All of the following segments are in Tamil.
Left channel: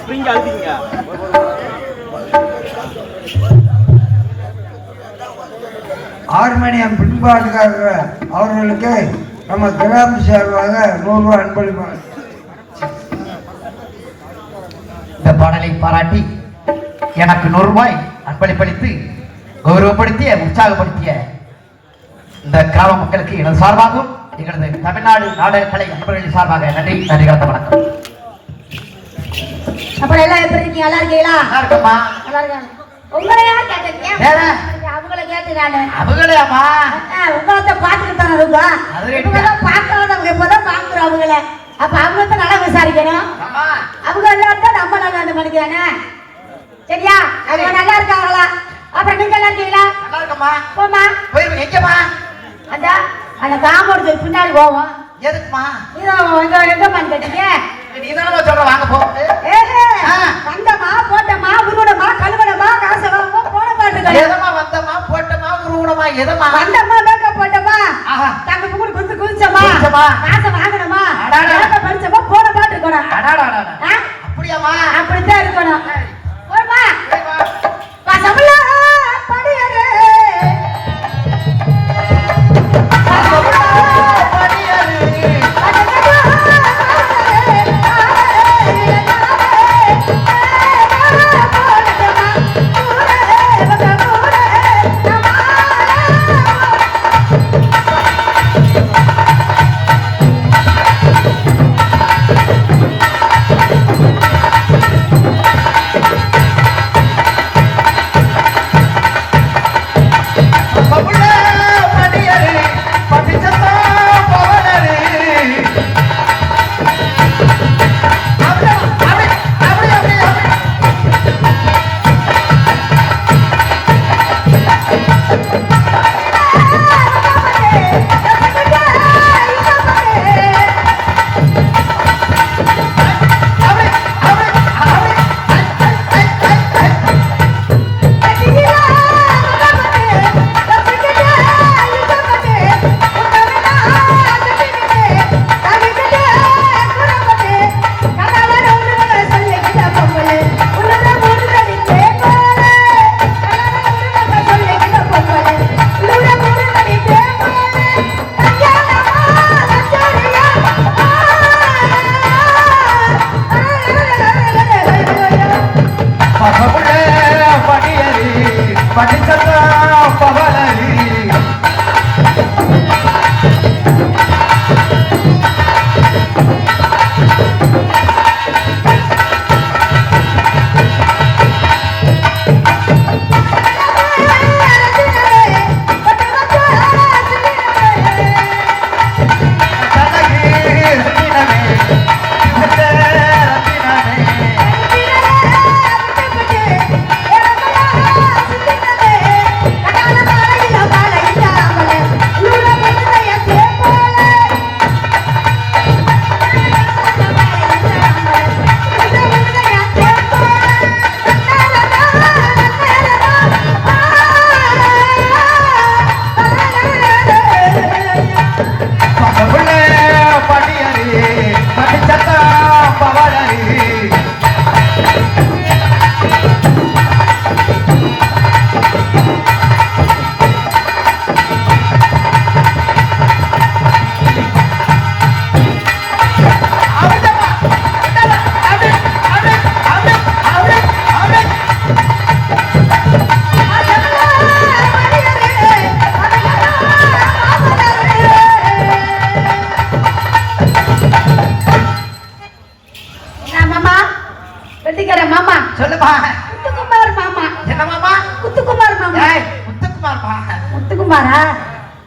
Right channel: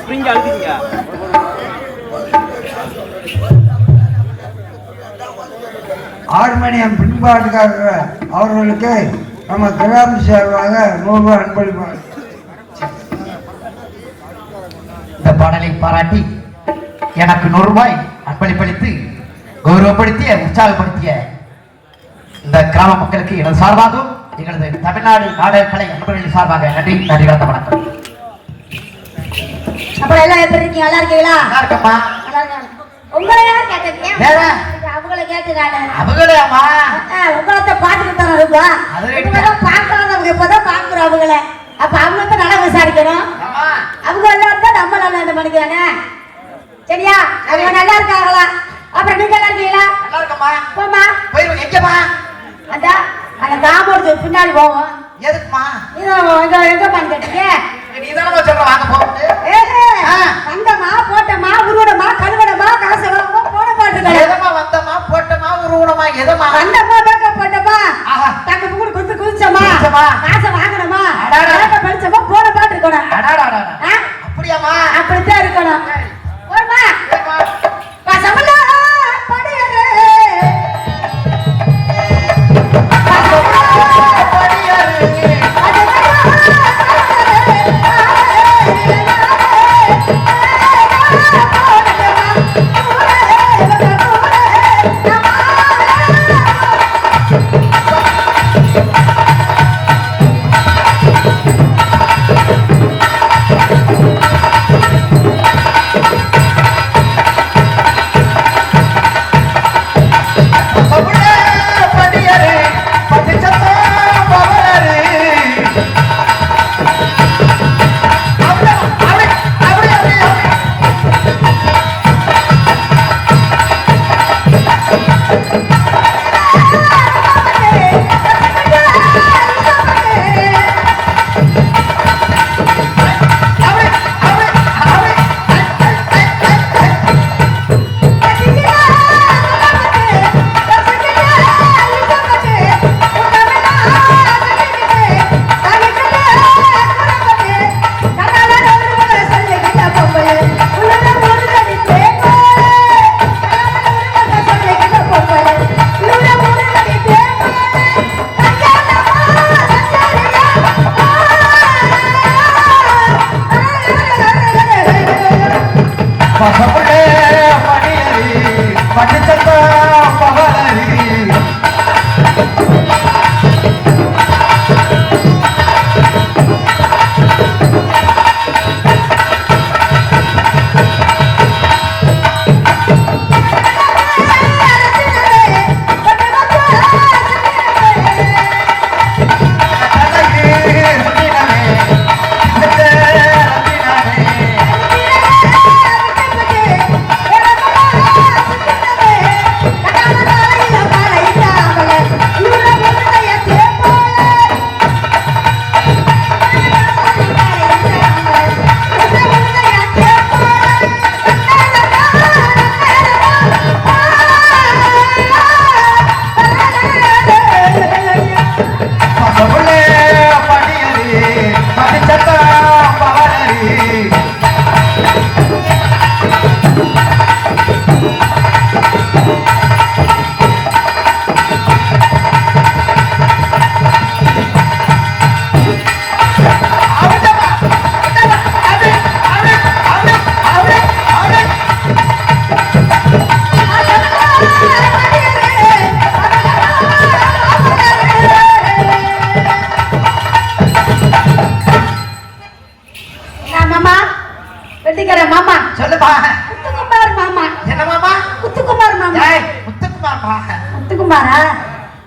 ஸ்ப்ரிங் அழுத்திங்க. ஹார்மோனியம் பின்பாட்டுக்காரர்கள் அவர்களுக்கு நம்ம கிராம சார்பாக 100 ரூபாய் அன்பளிப்பாங்க. இந்த பாடலை பாராட்டி எனக்கு 100 ரூபாய் அன்பளிப்பளித்து கௌரவப்படுத்திய உற்சாகப்படுத்திய இந்த கிராம மக்களுக்கு எனது சார்பாகவும் எங்களது தமிழ்நாடு நாடக கலை நண்பர்களின் சார்பாக நன்றி கலந்த வணக்கம். அப்புறம் எல்லாம் எப்படி இருக்கீங்க? நல்லா இருக்கீங்களா? நல்லா இருக்கோம்மா. உங்களை யார் கேட்டீங்க? வேற அவங்கள கேட்டு நானு அவங்களேம்மா உங்களத்தை பார்த்துட்டு தானே இருக்கோம். இவங்கெல்லாம் பார்க்கறவங்க இப்பதான் பார்க்குறோம் அவங்கள. அப்ப அவங்கள நல்லா விசாரிக்கணும். அவங்க நல்லா இருக்கா நம்ம நல்லா இது பண்ணிக்கிறாங்க. சரியா? அவங்க நல்லா இருக்காங்களா? அப்புறம் நீங்க நல்லா இருக்கீங்களா? நல்லா இருக்கோம்மா. போமா போயிருங்க. எங்கம்மா? அதான் அந்த காம்பவுண்ட் பின்னாடி போவோம். எதுக்குமா? எங்க பண்ணி கேட்டீங்க? நீதானே சொல்ற வாங்க போ. வந்தமா போட்டமா உருவடமா கழுவடமா காசு போட மாட்டேங்க. எதமா வந்தமா போட்டமா உருவடமா எதமா வந்தமா பேக்க போட்டமா தக்க பூடு குத்து குதிச்சமா காசு வாங்கணுமா படிச்சமா போட மாட்டேங்கணும். அப்படியாமா? அப்படித்தான் இருக்கணும். போடுமா பசங்களா படியரே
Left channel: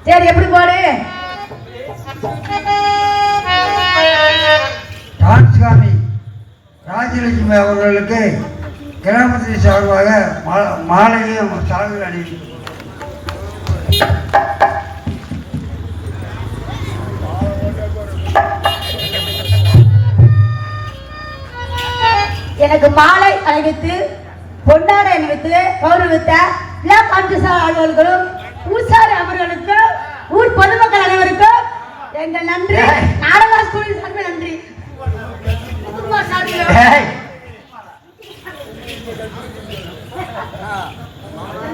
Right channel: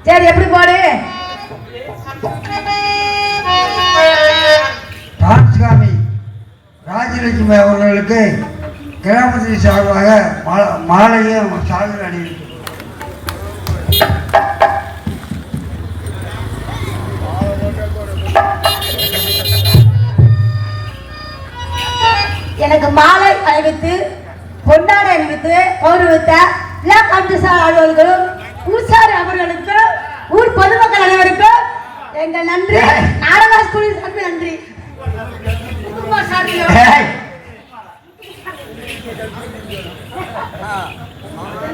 சரி எப்படி போடு ராமசாமி ராஜலட்சுமி அவர்களுக்கு கிராமத்தின் சார்பாக மாலையும் சார்பில் அணிவிக்கும். எனக்கு மாலை அணிவித்து பொன்னாடை அணிவித்து கௌரவித்த அலுவலர்களும் பூசாரி அவர்களுக்கு ஊர் பொதுமக்கள் அனைவருக்கும் எங்கள் நன்றி. நாடக ஸ்கூலில் நன்றி. ஏய்,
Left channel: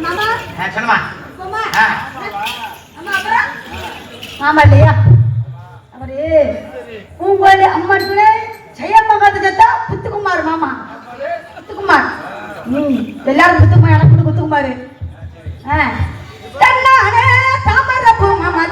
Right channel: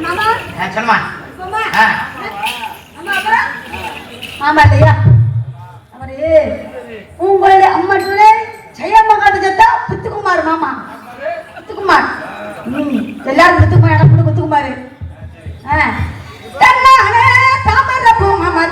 மாமா சொல்லுமா. மாமா ஆ, மாமா அப்புறம் மாமா இல்லையா அவரு உங்களை அம்மாட்டுல ஜெயமகாத ஜத்தா புத்துக்குமார் மாமா புத்துக்குமார் எல்லாரும் புத்துக்குமார் எனக்கு புத்துக்குமார் தன்னானே தாமரை பூ மாமா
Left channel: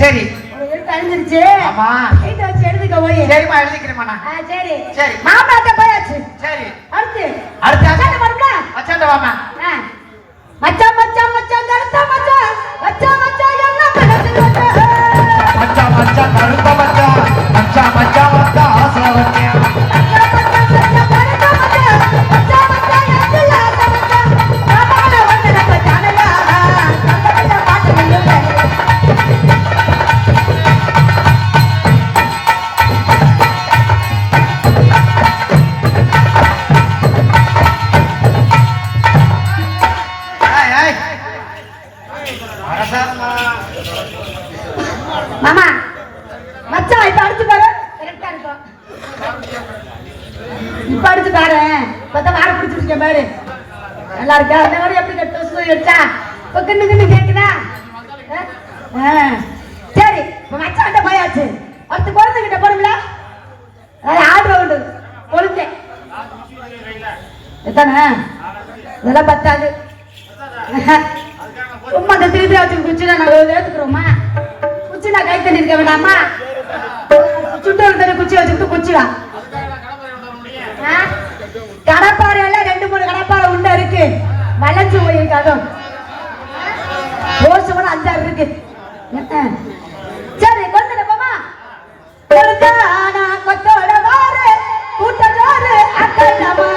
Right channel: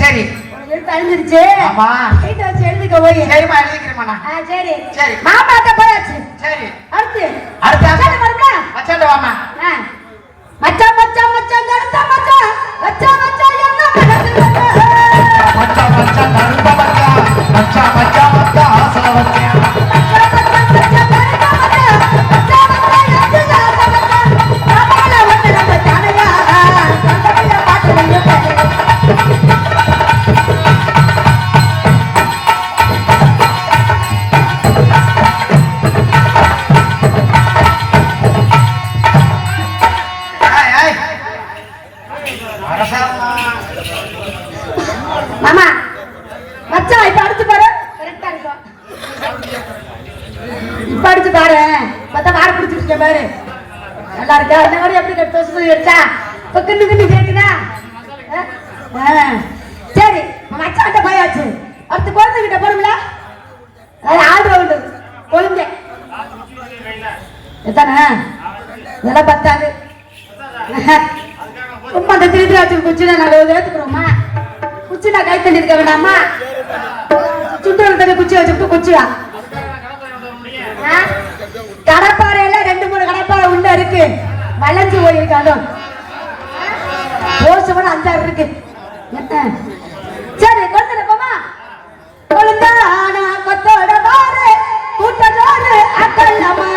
சரி அழிஞ்சிருச்சு. ஆமா வீட்டை வச்சு எழுதிக்க போய். சரிம்மா எழுதிக்கிறேம்மா. சரி சரி மாமா அத்தை போயாச்சு. சரி அடுத்து அடுத்து வரும்ல மச்சான் வாமா. மச்சான் மச்சான் மச்சான் கருத்த மச்சான் மச்சான் மச்சான் என்ன கருத்து மச்சான் மச்சான் கருத்த மச்சான் மச்சான் மச்சான் மச்சான் ஆசா மச்சான் அடிச்சு பாரு பார்த்தா மாடு பிடிச்சிருக்கேன் பாரு நல்லா இருக்கா அந்த மாதிரி எப்படி கட்டு வச்சா கிண்டு கிண்டு கேட்குதா சரி மச்சான்ட்ட போயாச்சு அடுத்து பொழுதுகிட்ட போடும்ல ஆடு உண்டு பொழுது எத்தனை இதெல்லாம் பத்தாது சும்மா அந்த திருப்பி வச்சு குச்சினா நாங்கள் ஏற்றுக்கிறோமா குச்சினா கை தண்ணி இருக்க வேணாமா சுற்று தண்ணி குச்சி வச்சுட்டு குச்சியா கடப்பாறையில 2-3 கடப்பாறை உள்ள இருக்கு வளைஞ்சு போயிருக்கு அதுவும் போசவன 5-6 இருக்கு சரி கொண்டு போமா கொளுத்தானா கொத்தோட மாறு கூட்ட ஜோறு அக்கல்லமா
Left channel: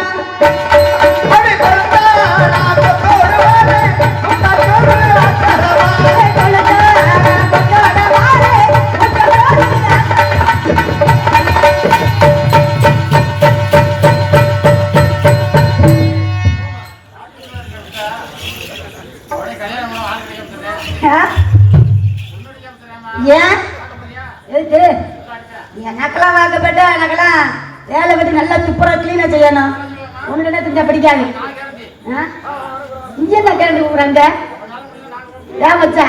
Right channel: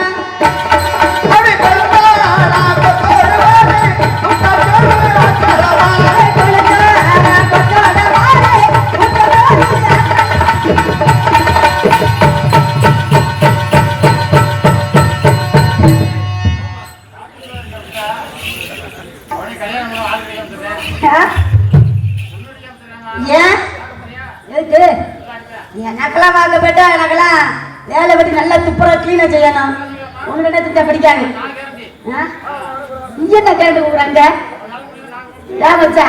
எனக்கெல்லாம் வாங்கப்பட்டா எனக்கெல்லாம் வேலை பற்றி நல்லா துப்புரா கிளீனா செய்யணும் ஒண்ணு என்ன திட்டா பிடிக்காது இங்கே தான் கேட்டு போறேங்க ஏன் வச்சா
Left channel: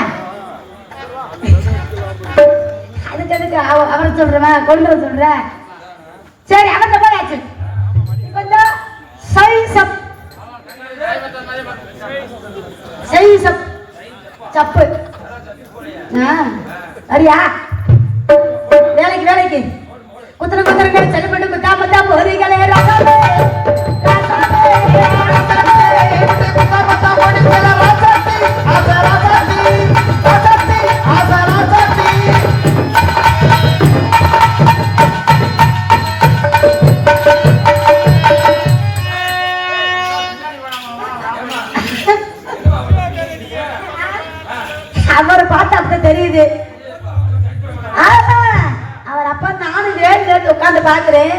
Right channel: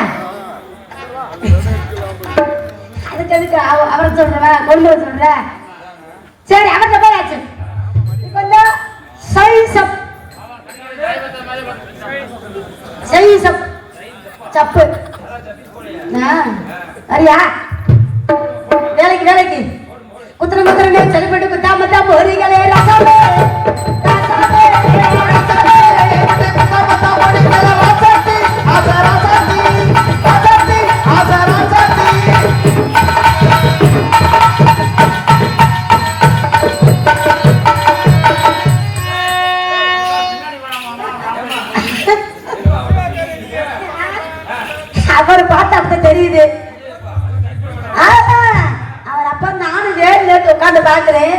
அதுக்கு எதுக்கு அவரை சொல்றேன் கொண்டு வர சொல்றேன் சரி அவர்கிட்ட போயாச்சு கொஞ்சம் சப்பு அரியா வேலைக்கு குத்திர செல்லப்பட்டு குத்தாமத்தா போறீங்களே அவரை பார்த்தா அப்ப தெரியுது அவர் அப்ப நானும் நேர்ல உட்காந்து பாக்குறேன்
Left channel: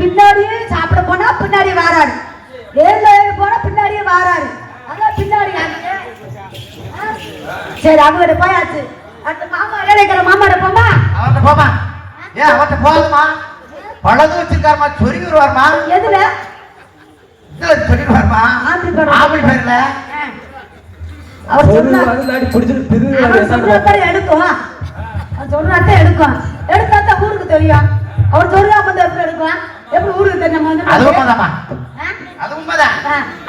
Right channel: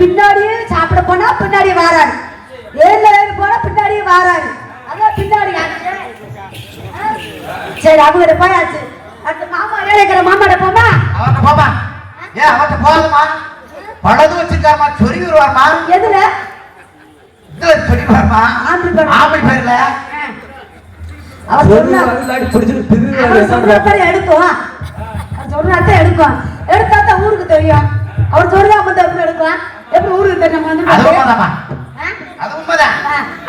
பின்னாடியே சாப்பிட போனா பின்னாடியே வாராரு ஏழு போனா பின்னாடியே வாராரு அதான் பின்னாடி சரி அவங்க போயாச்சு அந்த மாமா வேலைக்கிற மாமாட போமா அவர்கிட்ட போமா ஏன் அவர்கிட்ட போகாதமா பழது வச்சிருக்காருமா சொருகி வருவாருமா எதுல இதுல சொருகி வருமா ஆம்பளை பேர்ல அவர் எடுக்கும் சொல்றாத்த எடுக்கும் எடுத்தா ஊருக்கு தெரியும் அவர் சொல்றா அப்ப எப்படி எடுக்கலாம் எப்படி ஊருக்கு தெரியும் வந்து அது உண்மைதான்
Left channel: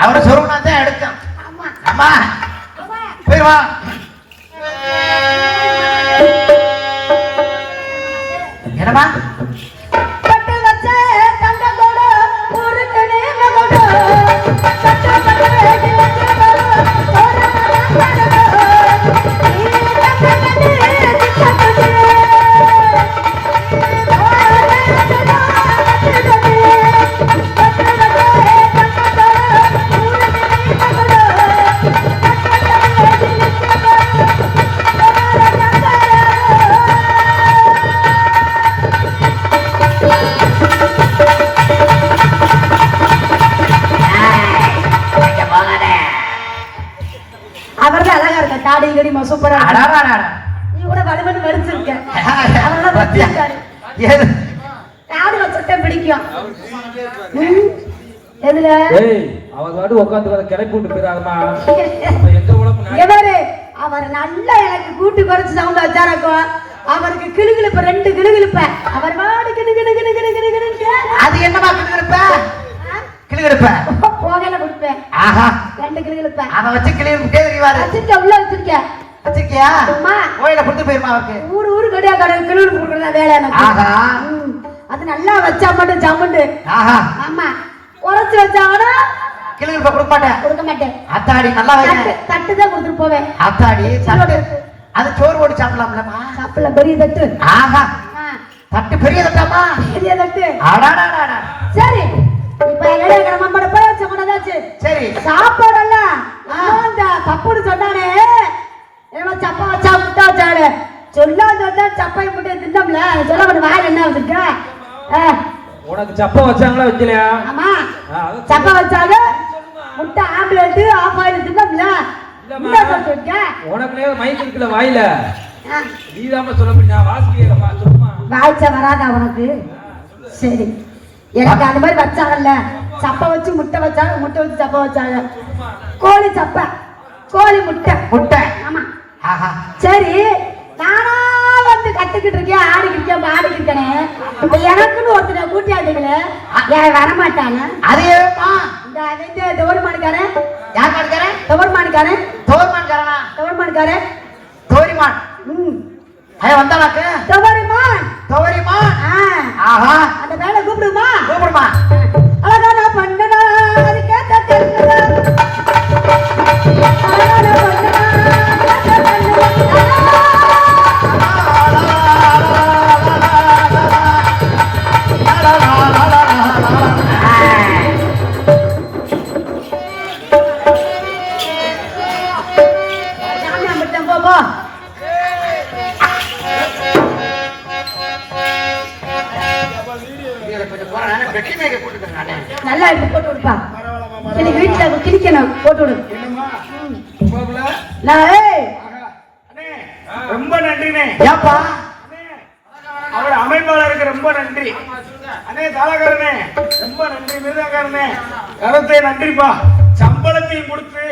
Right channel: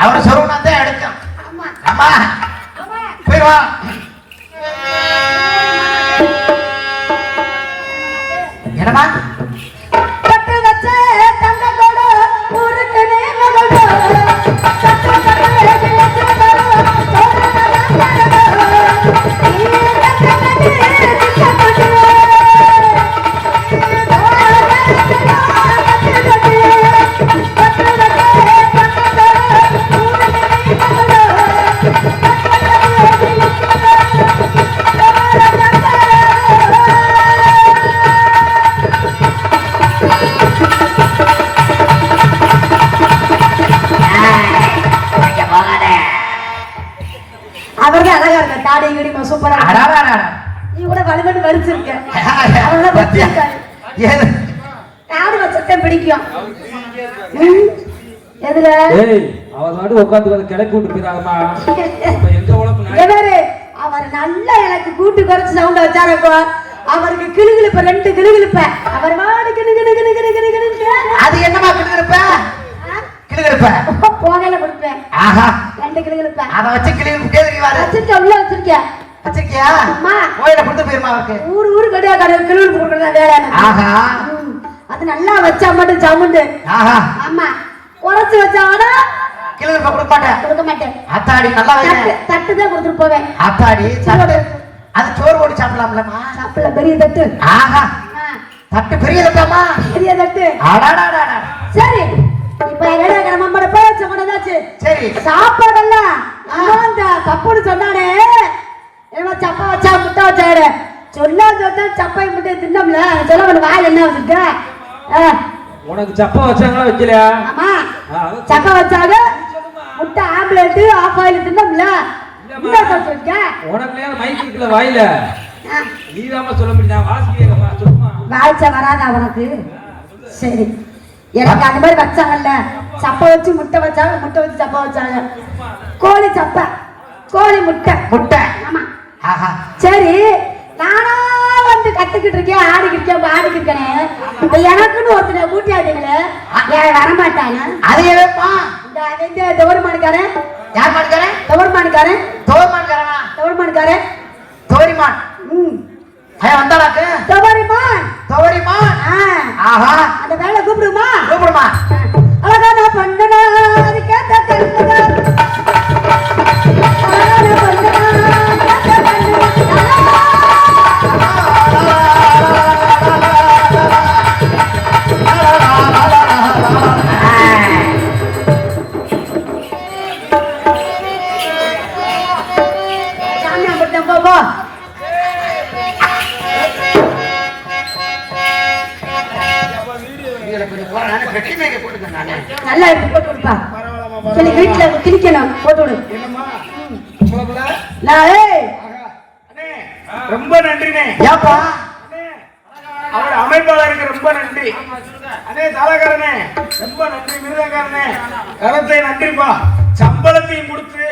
அவரை சொல்றா தான் எடுக்கும் அம்மா போய் வா என்னமா பட்டு வச்ச தங்கத்தோட ஊருக்கு அவருக்கு அழகா இருக்க தாடி கடிமா சூப்பரா நீ கூட வலுவலு வலிச்சிருக்க தாடி வச்சிருக்கேன் பிடிக்கும் எதுல அவர் நல்லா எனக்கு கூட்டு குறைச்சு சவுண்ட் வச்சாரக்கோ அவருக்கு கிளுகிழுப்ப 2 கிளுகிழுப்ப அவர் வாடி அது என்னமா கிளுகிழுப்ப போனல கொடுப்பேன் 2 கிளுகிழுப்ப அதை வச்சு கிளியும் கேளுவாரு வச்சிருக்க உள்ள வச்சிருக்கேன் வச்சிருக்கியா கோயில கொடுத்து போயிருமா அவருக்கு ஊரு கடையா கடை கிளுகிழுப்பு கொடுக்கறதா வேலை அது நல்லா வச்சா மட்டும் சவுண்டு ஆமா குறைச்சு வச்சாங்கன்னா கிளுகிழுப்ப கொடுக்க மாட்டேன் அத்தாடி நல்லா தட்டு தான் கொடுத்துட்டு போவேன் அத்தாடி அது சோறு போட்டு சாப்பிடலாம்லமா சாப்பிடல பெரிய தட்டு தட்டு பெரிய தட்டாமா பெரிய தட்டு சரி இப்ப என்ன நம்மளோட பேச்ச கொண்டாச்சு சரி சாப்பாடெல்லாம் அந்த பப்புடு சொன்னானே ஏமா சப்பா வச்சா முட்டை வச்சாரு சொல்லாத சப்பை முட்டை தின்னோம்ல சொல்ல வாயில என்ன வந்துருக்க உனக்கு சப்பா வச்சாங்களா வைக்கலையா ஆமா சப்பா வச்சாங்க முட்டை ஆம்லெட் ஆஃப் ஆயில் தின்னோம்ல உனக்கு மைக் இருக்குல வாயில நீதாம சொல்ல முடியும் வாசிக்கிறேன் சும்மா வாய்ச்ச வராதா உனக்கு சரி எனக்கு அந்த மாதிரி வச்சாங்கல்ல, சப்பை வச்சு முட்டை வச்சாங்க, முட்டை வச்சு சப்பை வச்சாங்க. கோழி சப்பை, கோழி முட்டை. முட்டை. ஆமா. ஆஹா. சரி, நானா வந்து கத்துக்கிட்டு இருக்கேன், ஆடிக்கிட்டு இருக்கேன், பாடிக்கிட்டு இருக்கேன். இப்ப எனக்குன்னு ஒருத்தனை கூட்டியாதீங்களே, யார் வரமாட்டாங்க. அது ஏப்பா? இந்த தோர்மான்காரன். யார் மான்காரன்? தோர்மான்காரன். தோர்மான்காரனா? தோர்மான்காரன். தோரிமான். ஐயா வந்தானாக்கு? தோரிமான். தோரிமான். ஆஹா. அந்த வேலை கூப்பிடுமா? கூப்பிடுமா? அழகான பண்ணனா கேட்ட கண்ணுனா. நல்லா இருக்கு, போட்டு விடுப்பா. சரி, வீட்டுல கிழிக்கணும், போட்டு விடு. ரொம்ப நன்றினே. ஏப்பா? அவர் அமைப்பாளருக்கு ரொம்ப நன்றி. அதே தாளக்காரனே ரொம்ப நன்றி. விருதாக்காரனே கரத்தை நன்றிப்பா. சம்பளத்தையும் கொடுத்து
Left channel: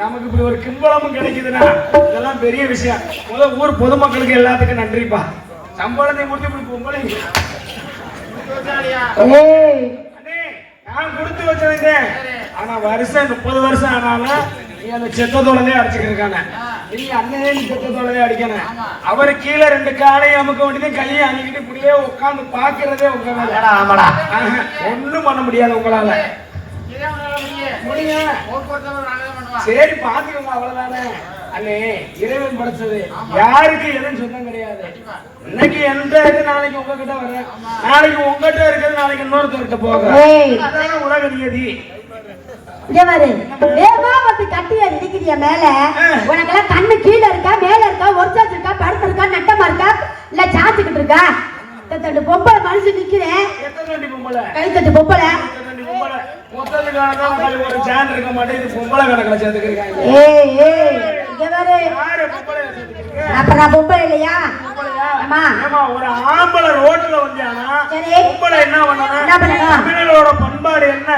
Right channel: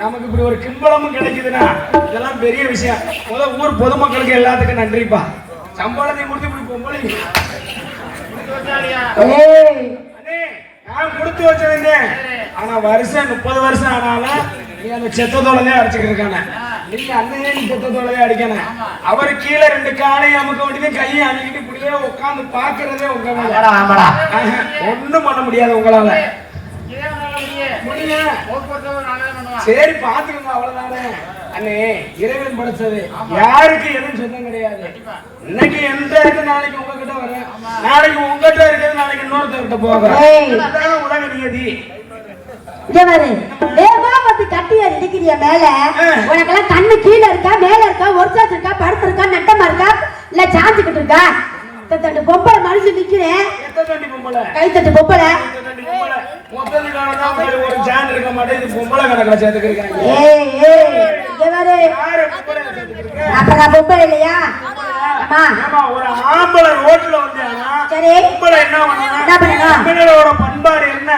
நமக்கு இப்படி ஒரு கிம்பளமும் கிடைக்குதுன்னா இதெல்லாம் பெரிய விஷயம். முதல் ஊர் பொதுமக்களுக்கு எல்லாத்துக்கும் நன்றிப்பா. சம்பளத்தையும் கொடுத்து இப்படி பொம்பளை நான் கொடுத்து வச்சிருந்தேன். ஆனா வருஷம் 30 வருஷம் ஆனாலும் நீ அந்த செத்தத்தோடதே அடிச்சுக்கிட்டு இருக்கானே. நீங்க அண்ணனே நீ செத்தத்தோடதே அடிக்கணும். அவரு கீழே 2 காலையும் அமுக்க வேண்டியது, கையை அணிக்கிட்டு இப்படியே உட்காந்து பாக்குறதே உங்க மேல. ஒண்ணும் பண்ண முடியாது உங்களால. சரி பாத்துக்கோங்க, அவ்வளவுதானே. அண்ணே இறைவன் படைச்சது, யாருக்கு எதுவும் சொந்தம் கிடையாது. இன்னைக்கு எந்த இருக்கு, நாளைக்கு உங்ககிட்ட வர, நாளைக்கு உங்ககிட்ட இருக்கிறது நாளைக்கு இன்னொருத்தர்கிட்ட போக. உலக நியதி. கட்டியா இருக்கிறிய மேல உனக்கெல்லாம் கண்ணு கீழே இருக்கா, மேல இருக்கா, ஒருத்தாச்சு இருக்கா, படுத்து இருக்கா, நட்டமா இருக்கா, இல்ல சாஞ்சுக்கிட்டு இருக்கா? பொம்பளை மனுஷன் நிக்கிறேன், கைத்தட்டு பொம்பளை. ஒரு ஜான் இருக்க மாட்டேன், பொம்பளை கணக்கில் சேர்த்துக்கிறீங்க. அப்புறம் பொம்பளை இல்லையா? ஒரு ஆம்பளை ரோட்ல வந்தானா பொம்பளை என்ன பண்ணணும்? பண்பாடு என்ன?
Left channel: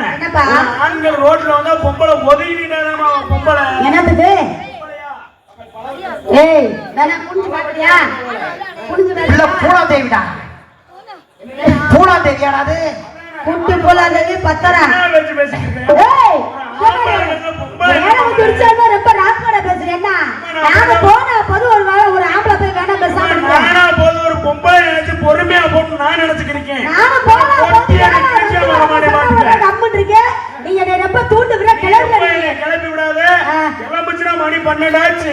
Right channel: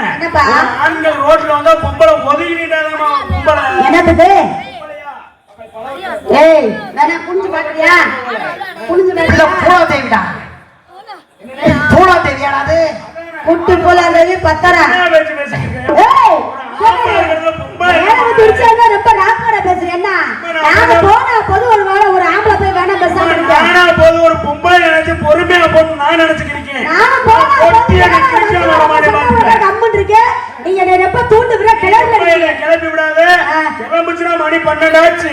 ஆண்கள் ரோட்ல வந்தா பொம்பளை ஒதுங்கிட்டானா பொம்பளை என்னது? ஏய் வேணா புரிஞ்சு பாத்தியா? புரிஞ்சு பூராதேவிடா. பூராதேவியாடாது? குட்டி பூராதேவி பத்தரா. வச்சு பேசிக்கிறேன். ஏய் ரொம்ப ராக்கோட பேசுறேன். என்ன நாங்க போனா பொது ஒரு ஆம்பளை போய் வேணா பேசாம போது ஒரு பொம்பளை நினைச்சு பொறுமையா போட்டு நான் நினைச்சுக்கிறேன். நாம போனா கம்மன் இருக்கேன். நீங்க என்ன ரொம்ப தூண்டு விட கிளம்பி விடாது. கிளம்பிச்சுனா மணி 12 ஆச்சு.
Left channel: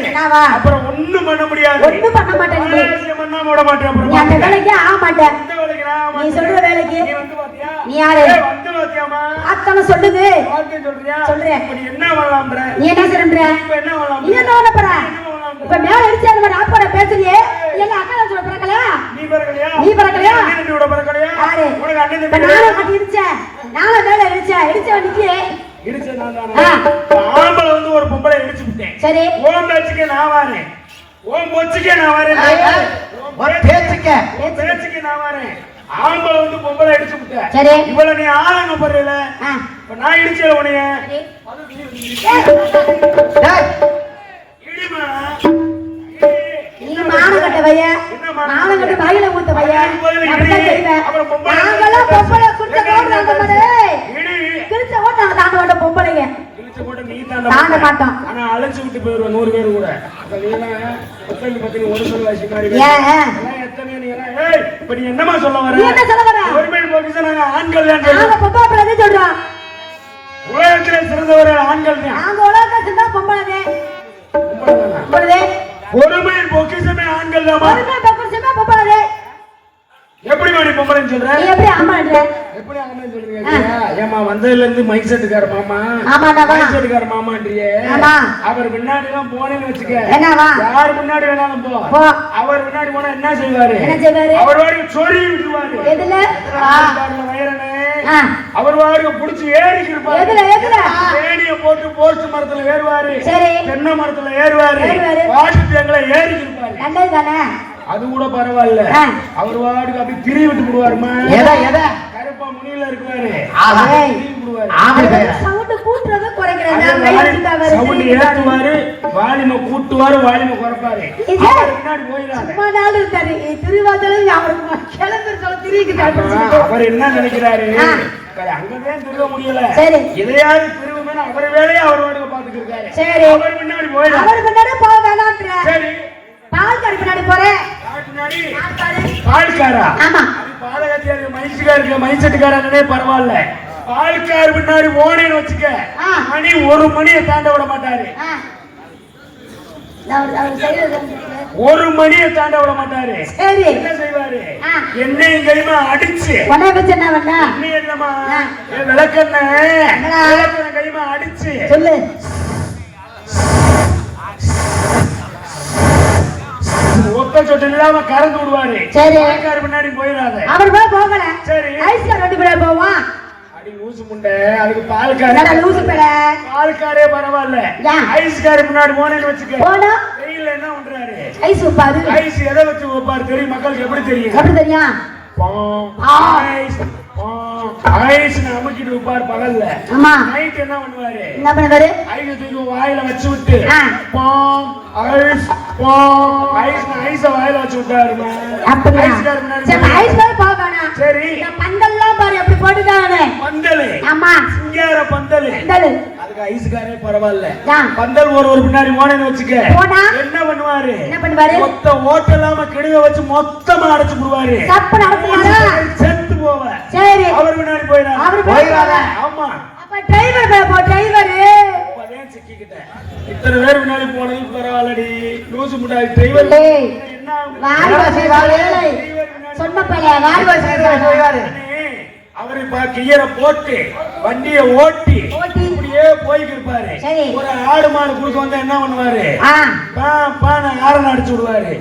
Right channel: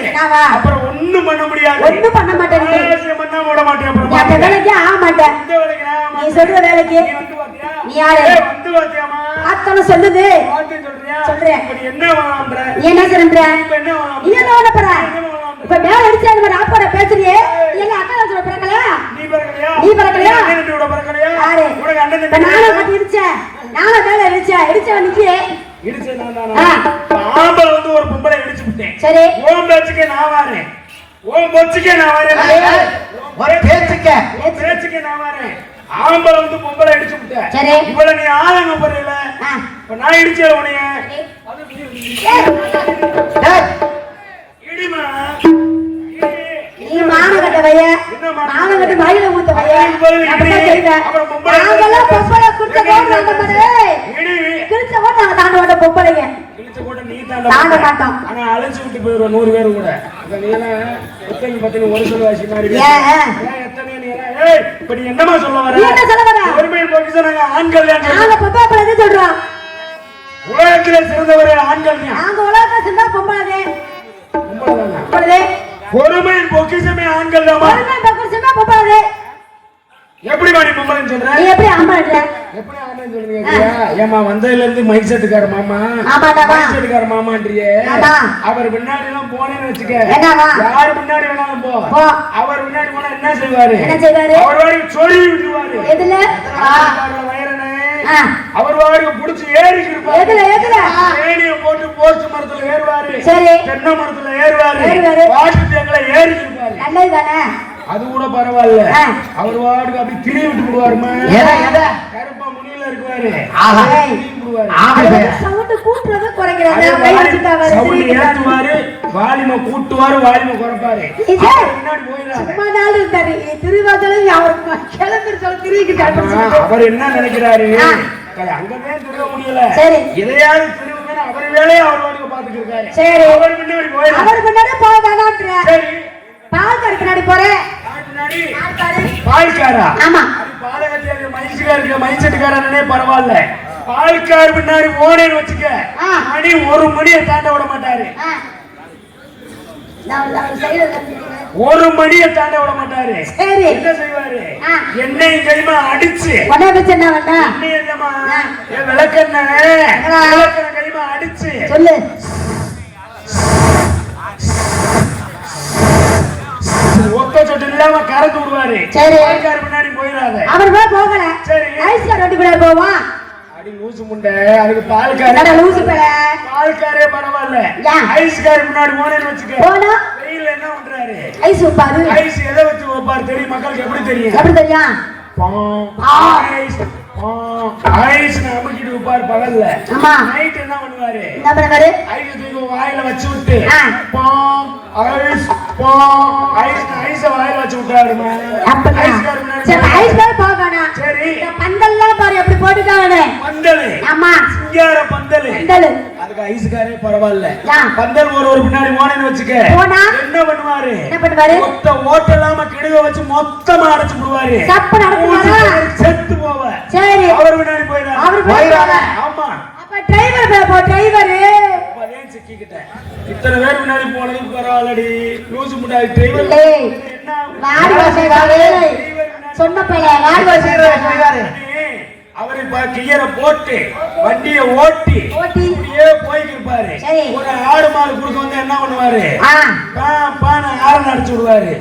அப்புறம் ஒண்ணும் பண்ண முடியாது. ஒண்ணும் பண்ண மாட்டேன். பண்ண விட மாட்டேன். அந்த வேலைக்கு ஆக மாட்டேன். நீ சொல்ற வேலைக்கு நீ யாரு? வந்து பாத்தியாமா? அத்தனை சொல்லுது. சொல்றேன். என்ன பண்ணலாம்ன்ற? நீ என்ன சொல்ற? நீ என்ன பண்ண போற? இப்ப மேல அடிச்சாரு ஒரு ஆப்போட பேசுறியே. எங்க அக்கா சொல்ற பிறக்கல? நீ பிறக்கலையா? நீ பிறக்கலையா? நீ பிறக்கலையா? யாரு? உனக்கு அண்ணன் நானே கட்டி இடிச்சேன். நானே மேல இடிச்சவன் நிக்கிறே. இடிச்ச நான் ஆம்பளை வந்து ஒரு பொம்பளை இடிச்சு விட்டேன். சரி. ஓம் பேச்சுக்கே நான் வரேன். ஓம் பேச்சுக்கே நான் வரேன். ஒரு பேச்சுக்கே நான் வரேன். ஆம்பளை வந்து பொம்பளை இடிச்சு விட்டேன். சரி. இவள நீ ஆளுங்க போறீல. இப்ப நான் இடிச்சேன் உனைய. இடிமா. நீ மானகட்ட வய. மானகட்ட வாயில ஊத்த வய. அப்பதான் செய்வேன். நாங்கெல்லாம் பொம்பளை குடுத்த போடுறாங்க பாரு. கிழிச்ச ஓட நாங்க தாண்ட மாட்டோம் பொம்பளைங்க. கிழிச்ச போட நீ தாண்ட மாட்டோம். ஆனா அழைச்சு விட்டு போயிடுவோம் 100 பேர் கூட. அப்ப நீங்க எத்தனை பத்தி ஒரு சொல்ல வாசி மாதிரி. எத்தனை நீங்க ஏய் இப்ப நீ என்னமா சொல்ல வர? நீ என்ன சொல்ல வர? ஒருமே நோக்கிசன ஆண்கள் நாங்க பொம்பளை பத்தி சொல்றோம். உலகத்திலே சிறந்தவர்கள் ஆண்கள் தான். நாங்க உலகத்துல சிறந்த பொம்பளை. பொம்பளை. ஒருமே பொக்கிஷமே ஆண்கள் தான். ஒருமே பொக்கிஷமே பொம்பளை. எப்படி மாடி பொம்பளைன்னு சொல்ற? நீ எப்படி ஆம்பளை? எப்படி ஆம்பளை சொல்றீங்க? ஏமா வந்ததுல இருந்து மைக் செட்டுக்கார மாமா. ஆமாடா. மைக் செட்டுக்கார மாமான்றியே. ஆமா. அவர் முன்னாடி எல்லாம் போனேன்னு வெச்சுக்க. என்னவா? யார் முன்னாடி வேணாலும் போ. அவர் முன்னாடி போனா என்ன செய்வாரு? என்ன செய்வாரு? அவரோட சொல்லி விடுவாரு. எதுல? வயரனே. அவரோட புடிச்சு ஏறி இருப்பாரு. எதுல? ஏணிய போட்டு போஸ்ட் மரத்துல ஏறுவாரு. சரி. தென்னை மரத்துல ஏறுவாரு. வாட்டு தேங்கல ஏறி இருப்பாரு. நல்லதுதானே? அது கூட பரவாயில்ல. அவர் வாடுக்கு அப்படி திரி விட்டு விடுவாருமா. எதை கருப்பா முனியில இருக்கு ஆமா. ஏய், ஆம்பளை பையன். சவுண்ட் கூட்டுறது குறைக்கிறாங்க. அதே கை மாதிரி வச்சுட்டா வேற சவுண்ட் தெரியுது. ஏத்துவாரு, வால்யூமை கூட்டுவாரு, வால்யூமை குறைப்பாரு. இது முன்னாடி போயிடறாங்க. சும்மா நாள் இருந்தாரு. திருவாதிரையில அவருக்கு கிளம்பி சொல்ல திருவிக்கிட்டாரு. அவர் என்ன நினைக்கிறாரு, அங்கதான் திருவ முடியல, சரி. இதையாவது திருவுங்க, அவர் வேலையை அவர் வாட்டுக்கு பாத்துட்டு இருக்காரு. சரி. அவர் முன்னாடி போயிடறாரு. அவர் பின்னாடி போக வேணான்ற. சரி, பால் கறி பின்னாடி போறேன். முன்னாடி பால்காரா? ஆமா. அது பாலகத்தேரி மைன்ஸுக்காருக்கு, மைன்செட்டுக்காரனே பரவாயில்ல. பால்கார் பின்னாடி போனேன்னு வச்சுக்க, ஆ. மணி 1 மணியை தாண்ட விட மாட்டாரு. ஆ. நான் செய்யறது. 1 மணியை தாண்ட விட மாட்டாரு. சரி. என்ன செய்வாரு, ஆ. எண்ணெயும் கைமா அடிச்சு, உன்னை வச்சு என்ன பண்ண? எண்ணெய் என்னமா, என் விளக்கெண்ணெய், விளக்கெண்ணெய் கைமா அடிச்சு, சொல்லு. ஒத்த சொட்டு இல்லாம கறந்து விடுவாரு. சரி. பால்கார் பின்னாடி போயிடாத. அவர் போய் போகல. சரி. ஐஸ்வர் ரெண்டு பேரும் போவான். அடி லூசு முண்டை, அதுக்கு பால்கார் என்னடா லூசு பேல? பால்காரே பரவாயில்ல. ஏன்? ஐஸ்காரி முன்னாடி போனேன்னு வச்சுக்க, போனா வெயில்ல என்ன பண்றாரு, ஐஸ் உப்பாரு. ஐஸ் எதை வச்சு வைப்பாரு தெரியும், மக்களுக்கு எப்படி தெரியும்? எப்படி தெரியும்? ஐஸ் ஐஸ் அமுக்கிட்டு வைப்பாரு பகல்ல. ஆமா. நைட் என்ன பண்ணுவாரு, என்ன பண்ணுவாரு? ஐஸ் தூக்கி வாயில வச்சு விட்டு, ஆ. ஐஸ் ஐஸ் ஐஸ வாயில வச்சு விட்டாரு. அப்படியா? ஐஸ்காரி முன்னாடி சரி, ஐஸ் போய் போகணும். சரி. இந்த பந்தல்லாம் பாரு எப்படி போட்டுட்டானே. பந்தலு, ஆமா. சிங்கார பந்தலு, பந்தல். அதுக்கு ஐஸ்காரே பரவாயில்ல. ஏன்? பந்தல் ஒரு பின்னாடி போனேன்னு வச்சுக்க, போனா? என்ன பண்ணுவாரு, என்ன பண்ணுவாரு? மொத்த ஓட்டலாம கெடுவ வச்சு மொத்தமா அடைச்சு விடுவாரு. தப்பு நடக்குமா? செத்து போவ. சரி. அவர் முன்னாடி போயிடாரு. அவர் போயிடாரு. ஆமா. அப்ப டிரைவர் போ, டிரைவர். அப்பதான் சிக்கிக்கிட்டேன். இத்தனை பேர் முன்னாடி போனது பரவாயில்லடி, லூசு முன்னாடி டிரைவர் ஏய், என்ன வாடி வாசி வாடி. சொன்ன பையன் வாடி வாசி போய்வாரு. அவர் இப்ப கியரை போட்டு வண்டியை ஓட்டி ஓட்டி. இப்படியே போயிட்டு இருப்பாரு. சரி. ஒரு ஆடு மாடு குடுக்க வந்து என்ன பண்ணுவாரு, ஆ. பான்னு ஆரன் அடிச்சு விடுவாரு.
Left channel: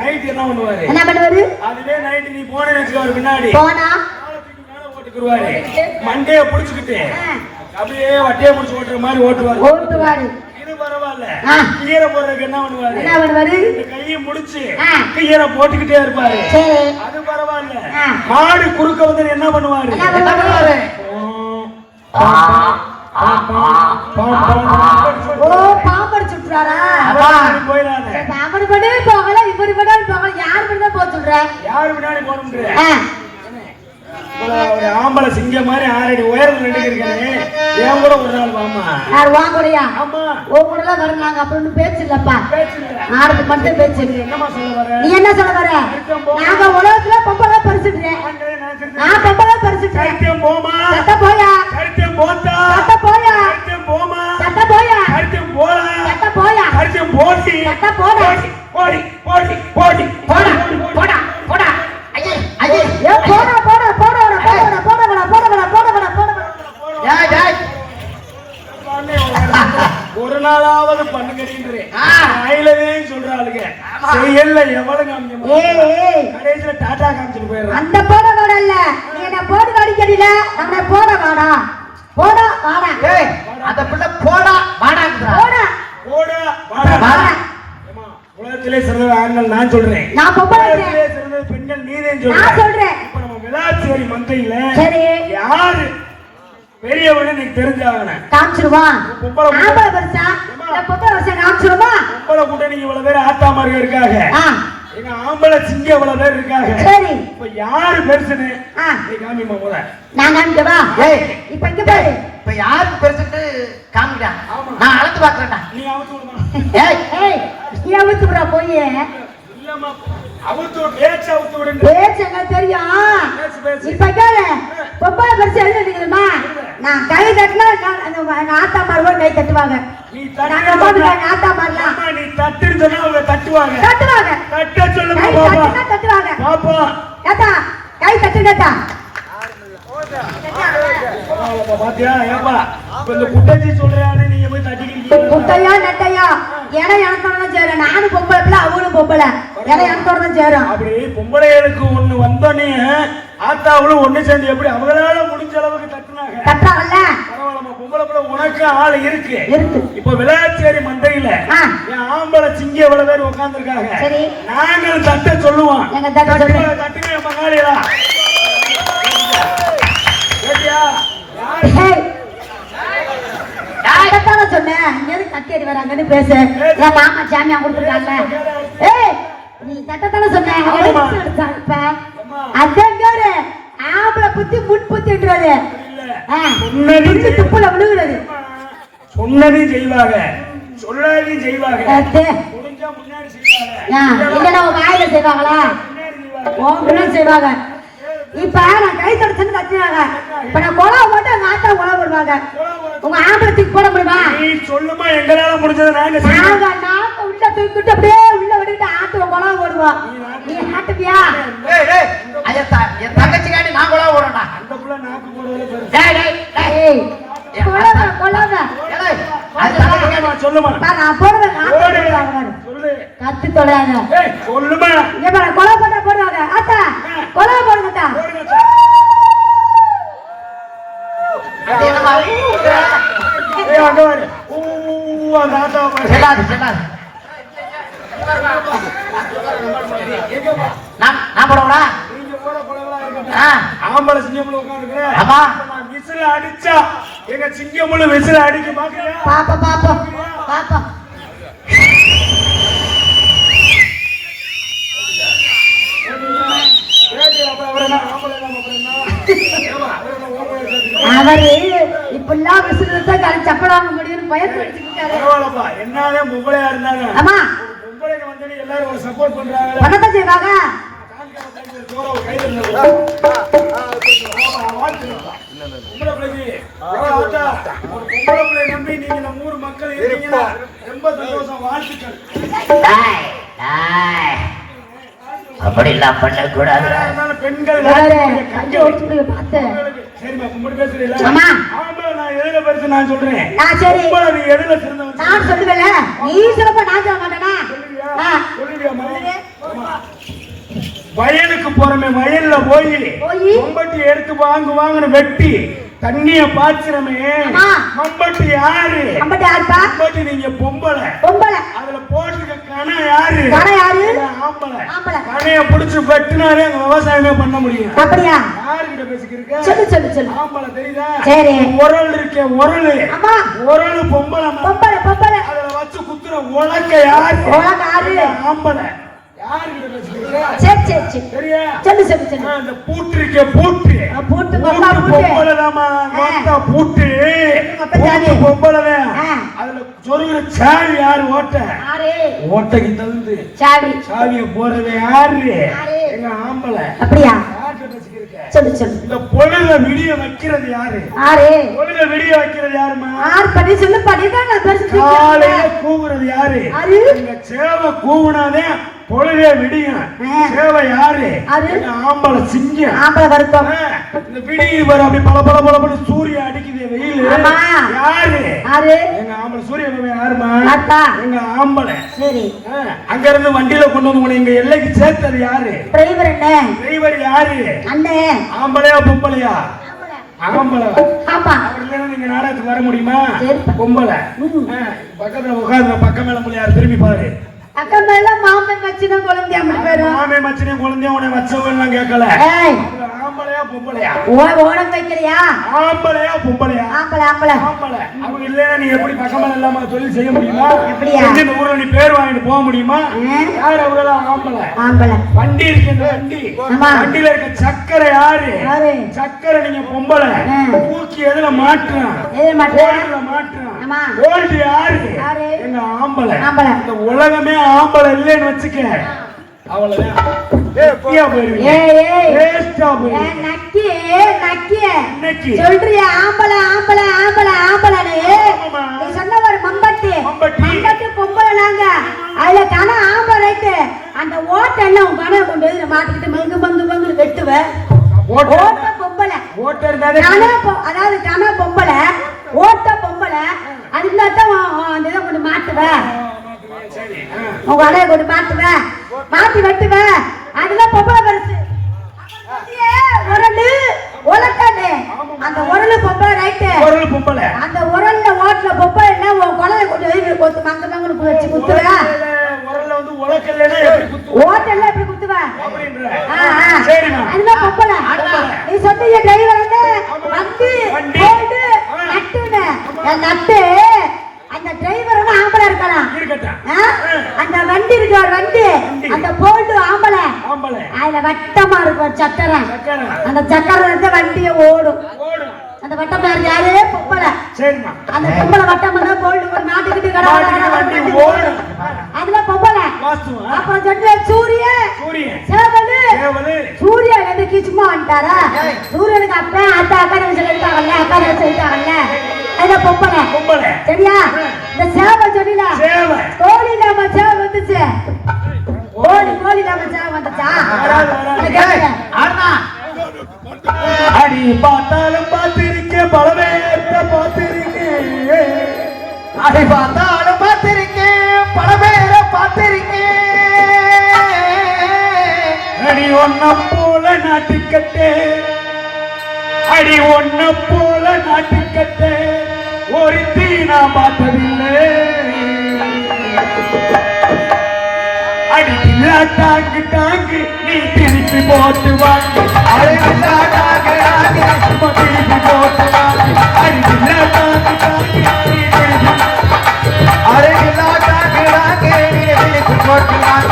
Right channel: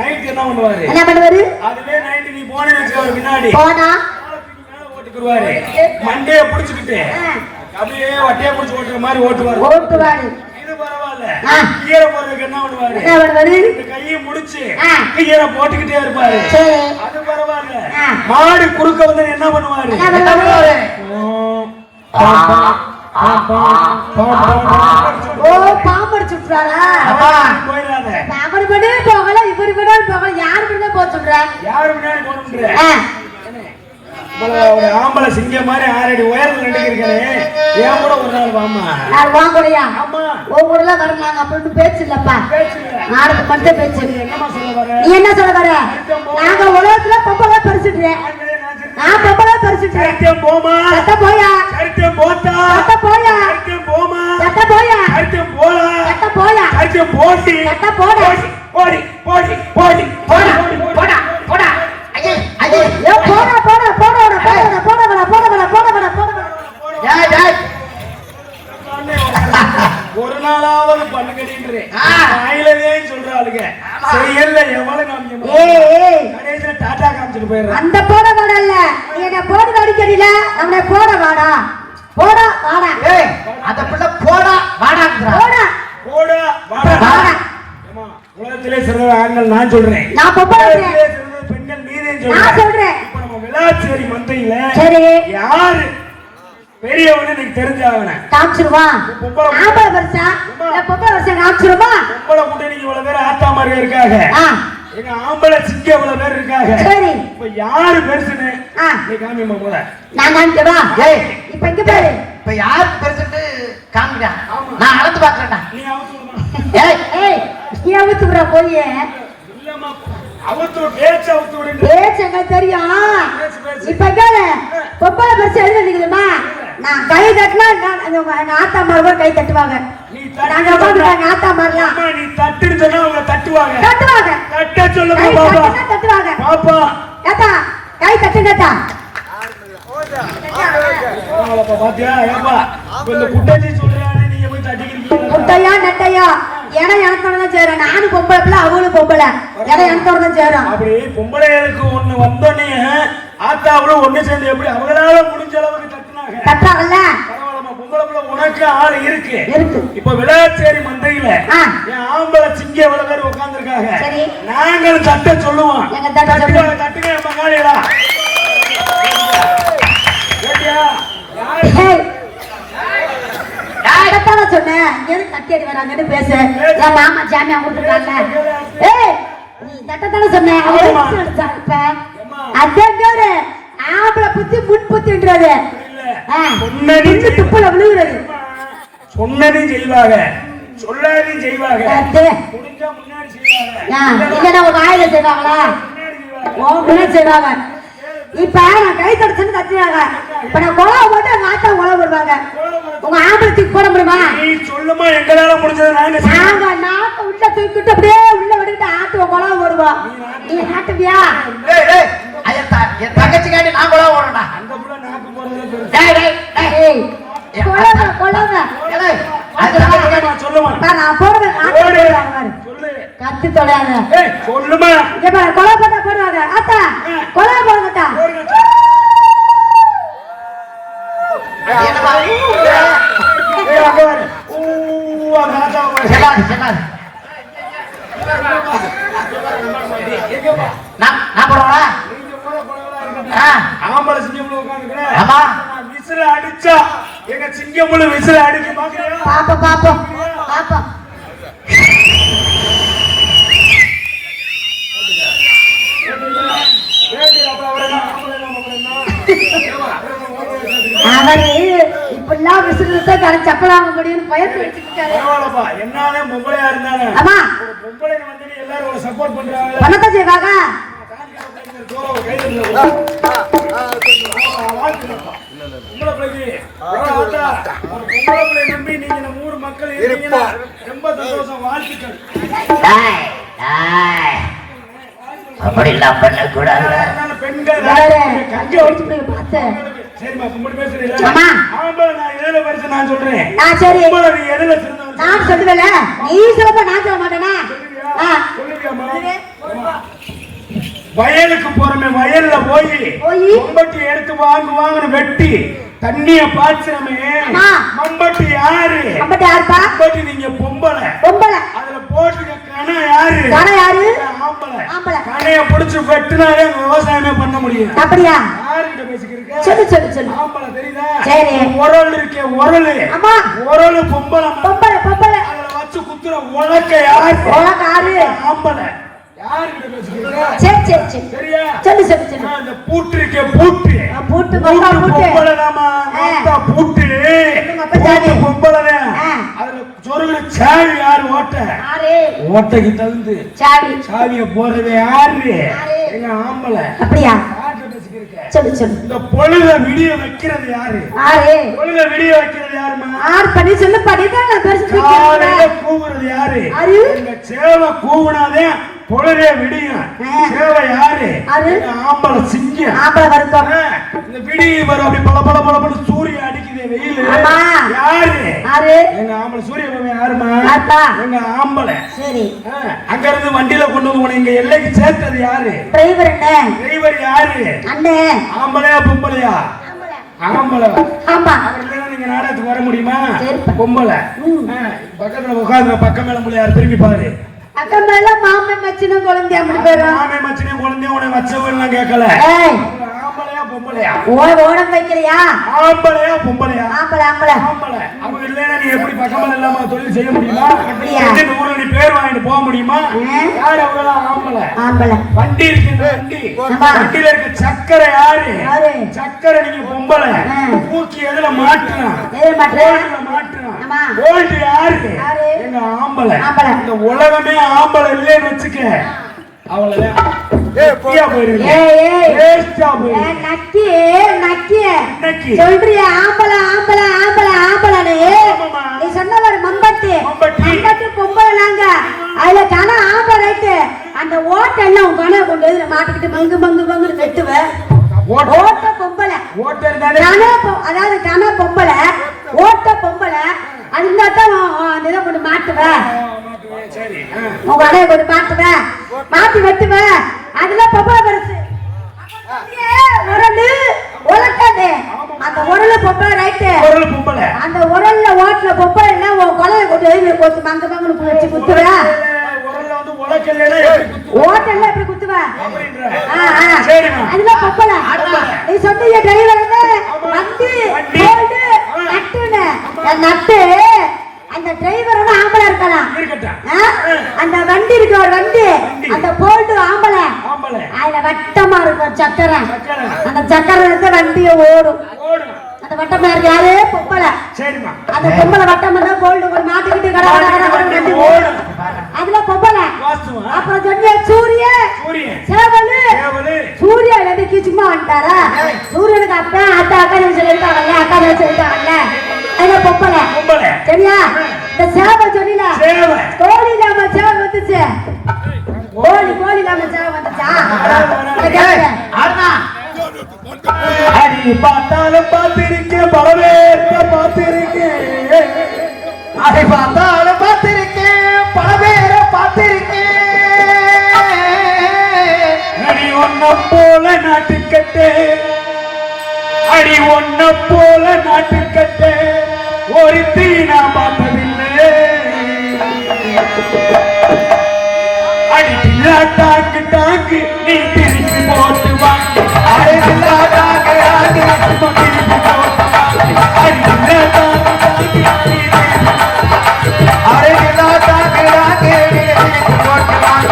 நைட் என்ன பண்ணுவாரு, என்ன பண்ணுவாரு? அதுவே நைட் நீ போனே வச்சுக்க, அவர் பின்னாடி போனா காலத்துக்கு மேல ஓட்டுக்குருவாரு. மண்டையை பிடிச்சுக்கிட்டு அப்படியே வட்டியை பிடிச்சு ஓட்டுற மாதிரி ஓட்டுவாரு. ஓட்டுவாரு. இது பரவாயில்ல. ஆ. கியரை போடுறதுக்கு என்ன பண்ணுவாரு, என்ன பண்ணுவாரு? இந்த கையை முடிச்சு ஆ. கியரை போட்டுக்கிட்டே இருப்பாரு. சரி. அது பரவாயில்ல. ஆ. மாடு குறுக்க வந்து என்ன பண்ணுவாரு, என்ன பண்ணுவாரு? ஓ, பாம்பு அடிச்சு விட்டுறாரா? போயிடாத. அவர் கூட போகல, இவர் கூட போகல. யார் கூட போக சொல்ற? யாரு முன்னாடி போகணுன்ற, ஆ. ஒரு ஆம்பளை சிங்கம் மாதிரி 6 அடி உயரத்துல நின்னுக்கிருக்காரு. ஏன் கூட ஒரு நாள் வாமா. நான் வாங்குறியா? ஆமா. ஒவ்வொருல வரலாங்க அப்படின்னு பேச்சு இல்லப்பா. பேச்சு இல்ல. நாளைக்கு மட்டும் பேச்சு. என்னமா சொல்ல வர, நீ என்ன சொல்ல வர? நாங்க உலகத்துல பொம்பளை பறிச்சுட்டுறேன். நான் பொம்பளை பறிச்சுட்டுறேன். சத்தியம் போமா, சத்த போயா, சத்தியம் போட்டா, சத்த போயா, சத்தியம் போமா, சத்த போயா, சத்தியம் போலா, சத்த போயா, சத்தியம் போட்டி, சத்த போடா. போடி போடி போடி போடி போடா போடா. ஐயே, ஐயே. ஏ, போடா போடா போடா போடா போடா போடா போடா போடா. டேய், டேய். ஒரு நாளாவது பண்ணுங்கன்றே ஆ. ஆயிலவே சொல்றாளுங்க, செய்யல எவ்வளவு காமிக்கணும், ஏய், ஏய், கடைசியில டாடா காமிச்சிட்டு போயிடுறேன். அந்த போட வாடா இல்ல. நீ என்ன போடு அடிக்கடில, அவனை போட வாடா. போடா வாடா. ஏய், அந்த பிள்ளை போடா வாடாங்கறா. போடா போடா வாடா. வாடா. ஏம்மா, உலகத்திலே சிறந்த ஆண்கள் நான் சொல்றேன், நான் பொம்பளை உலகத்திலே சிறந்த பெண்கள் நீதே நான் சொல்றேன். சொல்றேன். இப்ப நம்ம விளாச்சேரி மந்தையில சரி. யாரு பெரியவனு எனக்கு தெரிஞ்சாகணும். காமிச்சிருமா? பொம்பளை ஆம்பளை வருஷா இல்ல பொம்பளை வருஷம் காமிச்சிருமா? பொம்பளை கூட்டணிக்கு இவ்வளவு பேர் ஆத்தாமார்கள் இருக்காங்க, ஆ, எங்க ஆம்பளை சிங்கம் இவ்வளவு பேர் இருக்காங்க. சரி. இப்ப யாரு பெருசுன்னு ஆ, நீ காமிங்க முதல்ல. நான் காமிக்கவா? ஏய், இப்ப இங்க பாரு. இப்ப யாருக்கு தெரிஞ்சுட்டு காமிடா. நான் அளந்து பாக்குறேன்டா. நீ அவுத்து விடுமா. ஏய், ஏய், நீ அவுத்துறா போய். இல்லம்மா, அவுத்து விடு, பேச்சு அவுத்து விடுங்க. பேச்சு எனக்கு தெரியும். பேச்சு. இப்ப கேளு. பொம்பளை வருஷம் எழுதி நிக்குதுமா? நான் கை தட்டினா ஆத்தா மாருவா கை தட்டுவாங்க. நீ நாங்க உட்காந்துட்டாங்க ஆத்தா மாரலாம். அம்மா, நீ தட்டுன்னு சொன்னா அவங்க தட்டுவாங்க. தட்டுவாங்க. தட்ட சொல்லுமா கை பாப்பா. தட்டுனா தட்டுவாங்க. பாப்பா. ஏத்தா கை தட்டுங்கத்தா. பாத்தியா ஏப்பா, இப்ப இந்த குட்டாச்சி சொல்றானே நீங்க போய் தட்டிக்கிறீங்க. முட்டையா நெட்டையா ஏன்னா எனக்கு தான் சேரும். நானும் பொம்பளை பிள்ளை, அவங்களும் பொம்பளை. ஏன்னா எனக்கு தான் சேரும். அப்படி பொம்பளைகளுக்கு ஒண்ணு வந்தோடனே ஆத்தாவளும் ஒண்ணு சேர்ந்து எப்படி அவங்களால முடிஞ்ச அளவுக்கு தட்டுனாங்க. தட்டாங்கல்ல? பரவாயில்லம்மா, பொம்பளை பிள்ளை உனக்கு ஆள் இருக்கு. இருக்கு. இப்ப விளையாச்சேரி மந்தையில ஆ. என் ஆம்பளை சிங்க இவ்வளவு பேர் உட்கார்ந்துருக்காங்க. சரி. நாங்கள் தட்ட சொல்லுவோம். எங்க தட்ட தட்டுங்க சொல்லுவோம். தட்டுங்க என் பங்காளிகளா. கேட்டியா? புத்தி முன்புத்தின்றது சொன்னது துப்புல விழுவுறது சொன்னதையும் செய்வாங்க சொல்லாதையும் செய்வாங்க அது. முடிஞ்சா முன்னாடி செய்வாங்க இல்லைன்னா உன் வாயில செய்வாங்களா உன் செய்வாங்க இப்ப நான் கை தொடச்சுன்னு கத்துறாங்க இப்ப நான் குழவை போட்டு எங்க ஆத்தா உழவு போடுவாங்க உங்க ஆம்பளத்துக்கு போட முடியுமா நீ சொல்லுமா எங்களால முடிஞ்சது நாங்க நாங்க நாட்டை உள்ள தூக்கிட்டு அப்படியே உள்ள விட்டுட்டு ஆட்டு குழவை போடுவோம் நீ நாட்டுவியா ஏய் ஏய் ஐயா என் தங்கச்சிக்காண்டி நான் கூட ஓடுறேன்டா அந்த புள்ள நாக்கு போறதுல பெருசு. டேய் டேய் டேய் ஏய் குழவை குழவை ஏய் அந்த தங்கச்சிக்காண்டி நான் சொல்லுமா நான் போடுவேன் சொல்லு கத்து தொலையாத ஏய் சொல்லுமா இங்க பாரு கொலை பண்ண போடுவாங்க ஆத்தா கொலை போடுங்கட்டா அது என்னடா ஏய் அங்க பாரு ஊ அந்த ஆத்தா பாரு செல்லாது செல்லாது எங்கப்பா நான் போடுறேன் நீங்க ஓட பழவா இருக்கட்டும் ஆம்பள சிங்கம்ல உட்கார்ந்துக்கற ஆமா விசில அடிச்சா எங்க சிங்கம்ல விசில அடிக்க பாக்குறியா பாப்பா பாப்பா பாப்பா இப்பெல்லாம் விசில் சப்பலாம முடியும்னு பயந்து வச்சுக்கிட்டாங்க பரவாயில்லப்பா என்னதான் பொம்பளையா இருந்தாலும் ஆமா பொம்பளைங்க வந்து எல்லாரும் ஒரு சப்போர்ட் பண்றாங்க பணத்தை செய்வாங்க பொம்பளை பிள்ளைக்கு ஆத்தா, ஒரு பொம்பளை பிள்ளை நம்பி நீங்க நம்ம ஊர் மக்கள் இருக்கீங்கன்னா ரொம்ப சந்தோஷம் வாழ்த்துக்கள் அப்படிலாம் பண்ணக்கூடாது அதனால பெண்கள் யாரு கஞ்ச ஒழிச்சு போய் பார்த்து சரிம்மா கும்பிட்டு பேசுறீங்களா ஆமா ஆம்பளை நான் எதுல படிச்சு நான் சொல்றேன் நான் சரி பொம்பளை நீ எதுல சிறந்தவன் நான் சொல்லுவேல நீ சொல்லப்ப நான் சொல்ல மாட்டேனா சொல்லுவியாம்மா? வயலுக்கு போறமே வயல்ல போய் மம்பட்டி எடுத்து வாங்குன்னு வெட்டி தண்ணிய பாய்ச்சறமே ஆமா. மம்பட்டி யாரு அம்பட்ட யாருப்பா மம்பட்டி நீங்க பொம்பளை பொம்பளை அதுல போட்டுக்க கண யாரு கண யாரு? ஆம்பளை ஆம்பளை. கணைய பிடிச்சு வெட்டினாலே விவசாயமே பண்ண முடியும் அப்படியா யாருகிட்ட பேசிக்கிறீங்க சொல்லு சொல்லு சொல்லு ஆம்பளை தெரியுதா சரி. உரல் இருக்கே உரல் ஆமா உரல் பொம்பளை பொம்பளை பொம்பளை அதுல வச்சு குத்துற உலக்க யாரு உலக்க யாரு? ஆம்பளை யாருகிட்ட பேசிக்கிறீங்க சரி சரி சரி சரியா சொல்லு சொல்லு சொல்லு இந்த பூட்டு இருக்கே பூட்டு பூட்டு பொம்பளை பூட்டு பொம்பளைதாம்மா பூட்டு பூட்டு பொம்பளை அதுல சொருகிற சாவி யாரு ஓட்ட யாரு ஓட்டைக்கு தகுந்து சாவி சாவிய போறது யாரு எங்க ஆம்பளை அப்படியா யார்கிட்ட பேசிக்கிறீங்க சொல்லு சொல்லு இந்த பொழுத விடிய வைக்கிறது யாரு யாரு பொழுத விடிய வைக்கிறது யாருமா யார் பண்ணி சொல்லு பண்ணிதான் நான் பெருசு காலையில கூவுறது யாரு அது? எங்க சேவை கூவுனாதே பொழுதே விடியும் சேவை யாரு அது? எங்க ஆம்பளை சிங்கம் ஆம்பளை வருத்தம் இந்த விடிய வரும் அப்படி பல பல பல பல சூரியன் அடிக்குது வெயில் ஆமா. யாரு யாரு எங்க ஆம்பளை சூரிய பகவான் யாருமா யாருப்பா? எங்க ஆம்பளை சரி அங்க இருந்து வண்டியில கொண்டு வந்து உன்னை எங்க எல்லைக்கு சேர்த்தது யாரு டிரைவர் என்ன டிரைவர் யாரு அண்ணே ஆம்பளையா பொம்பளையா ஆம்பளை ஆமா அவர்தான் நீங்க நாடகத்துக்கு வர முடியுமா சரிப்பா. பொம்பளை பக்கத்துல உட்கார்ந்து பக்கம் யார் திரும்பி பாரு அக்கம் மேல மாமன் வச்சுன குழந்தை அப்படி பேரும் மாமே மச்சனி குழந்தைய உன்னை வச்சவன் கேட்கல ஏய் ஆம்பளையா பொம்பளையா ஓடம் வைக்கிறியா ஆம்பளையா பொம்பளையா ஆம்பளை ஆம்பளை ஆம்பளை அவங்க இல்லையா நீ எப்படி பக்கமல் இல்லாம தொழில் செய்ய முடியுமா எப்படியா? இந்த ஊர்ல நீ பேர் வாங்கிட்டு போக முடியுமா ம். யாரு அவங்க ஆம்பளை ஆம்பளை வண்டி இருக்கு வண்டி ஆமா. வண்டியில இருக்க சக்கரை யாரு யாரு? சக்கரை நீங்க பொம்பளை ம். தூக்கி எதுல மாட்டுறான் ஏய் மாட்டேன் கோல்டுல மாட்டுறான் ஆமா. கோல்டு யாரு யாரு? எங்க ஆம்பளை ஆம்பளை. இந்த உலகமே ஆம்பளை இல்லைன்னு வச்சுக்க அவ்வளவுதான் வெட்டியா போயிருவீங்க ஏய் ஏய் வேஸ்டா போயிருவீங்க ஏய், நக்கி நக்கி நக்கி. சொல்றியா ஆம்பளை ஆம்பளை ஆம்பளை ஆம்பளைன்னு நீ சொன்ன ஒரு மம்பட்டி மம்பட்டி. மம்பட்டி பொம்பளை நாங்க அதுல கண ஆம்பளை ரைட்டு அந்த ஓட்டை எல்லாம் உன் கணை கொண்டு வந்து மாட்டிக்கிட்டு மங்கு மங்கு மங்கு வெட்டுவேன் ஓட்ட பொம்பளை ஓட்டர் தானே அதாவது கண பொம்பளை ஓட்ட பொம்பளை அதுதான் அந்த இதை கொண்டு மாட்டுவேன் சரி உன் கடையை கொண்டு மாட்டுவேன் மாட்டி வெட்டுவேன் அதுதான் பொம்பளை பெருசு உரண்டு உலக்காது அந்த உரல பொம்பளை ரைட்டு ஒரு பொம்பளை அந்த உரல்ல ஓட்டுல பொம்பளை என்ன உன் குழந்தை கொண்டு போய் கொத்து மங்க மங்கன்னு வச்சு குத்துவேன் உரல வந்து உலக்கல்லைன்னா எப்படி குத்து ஓட்டல்ல எப்படி குத்துவேன் அப்படின்ற சரிம்மா அதுதான் பொம்பளை நீ சொன்னீங்க டிரைவர் வந்து போடு நட்டுன்னு நட்டு அந்த டிரைவர் ஆம்பளை இருக்கலாம் இருக்கட்டும் அந்த வண்டி இருக்கு ஒரு வண்டி அந்த போல்டு ஆம்பளை ஆம்பளை அதுல வட்டமா இருக்கும் சக்கரை சக்கரை அந்த சக்கரை வந்து வண்டி அப்படியே ஓடும். ஓடும். அந்த வட்டம் யாரு பொம்பளை. சரிம்மா. அந்த பொம்பளை வட்டம் பண்ணா கோல்டு ஒரு நாட்டுக்கிட்டு கடை ஓடும். அதுல பொம்பளை. வாஸ்துவா. அப்புறம் சொன்ன சூரியன். சூரியன். சேவலு. சேவலு. சூரியன் எதுக்கு சும்மா வந்துட்டாரா? சூரியனுக்கு அப்பா அத்தை அக்கா சொல்லிட்டாங்கல்ல, அக்கா சொல்லிட்டாங்கல்ல. அதுல பொம்பளை. பொம்பளை. சரியா? இந்த சேவல் சொன்னீங்க. சேவல். கோழி நாம சேவல் வந்துச்சு. கோழி நாம சேவல் வந்துச்சா? அடி பார்த்தாலும் பார்த்திருக்கேன், பலவேற்ற பார்த்திருக்கேன். அதை பார்த்தாலும் பார்த்திருக்கேன், பல பேரை பார்த்திருக்கேன். அடி ஒன்ன போல நாட்டுக்கட்டு, அடி ஒன்ன போல நாட்டுக்கட்டு ஒருத்தி நான் பார்த்ததில்லை. அடி தில்லா டாங்கு டாங்கு நீ திருப்பி போட்டு வாங்க. அடி தில்லா டாங்கு டாங்கு நீ திருப்பி போட்டு வாங்க. அடி தில்லா டாங்கு டாங்கு நீ திருப்பி அழகில்லா டாங்கு டாங்கு நீ திருப்பி போட்டு வாங்க.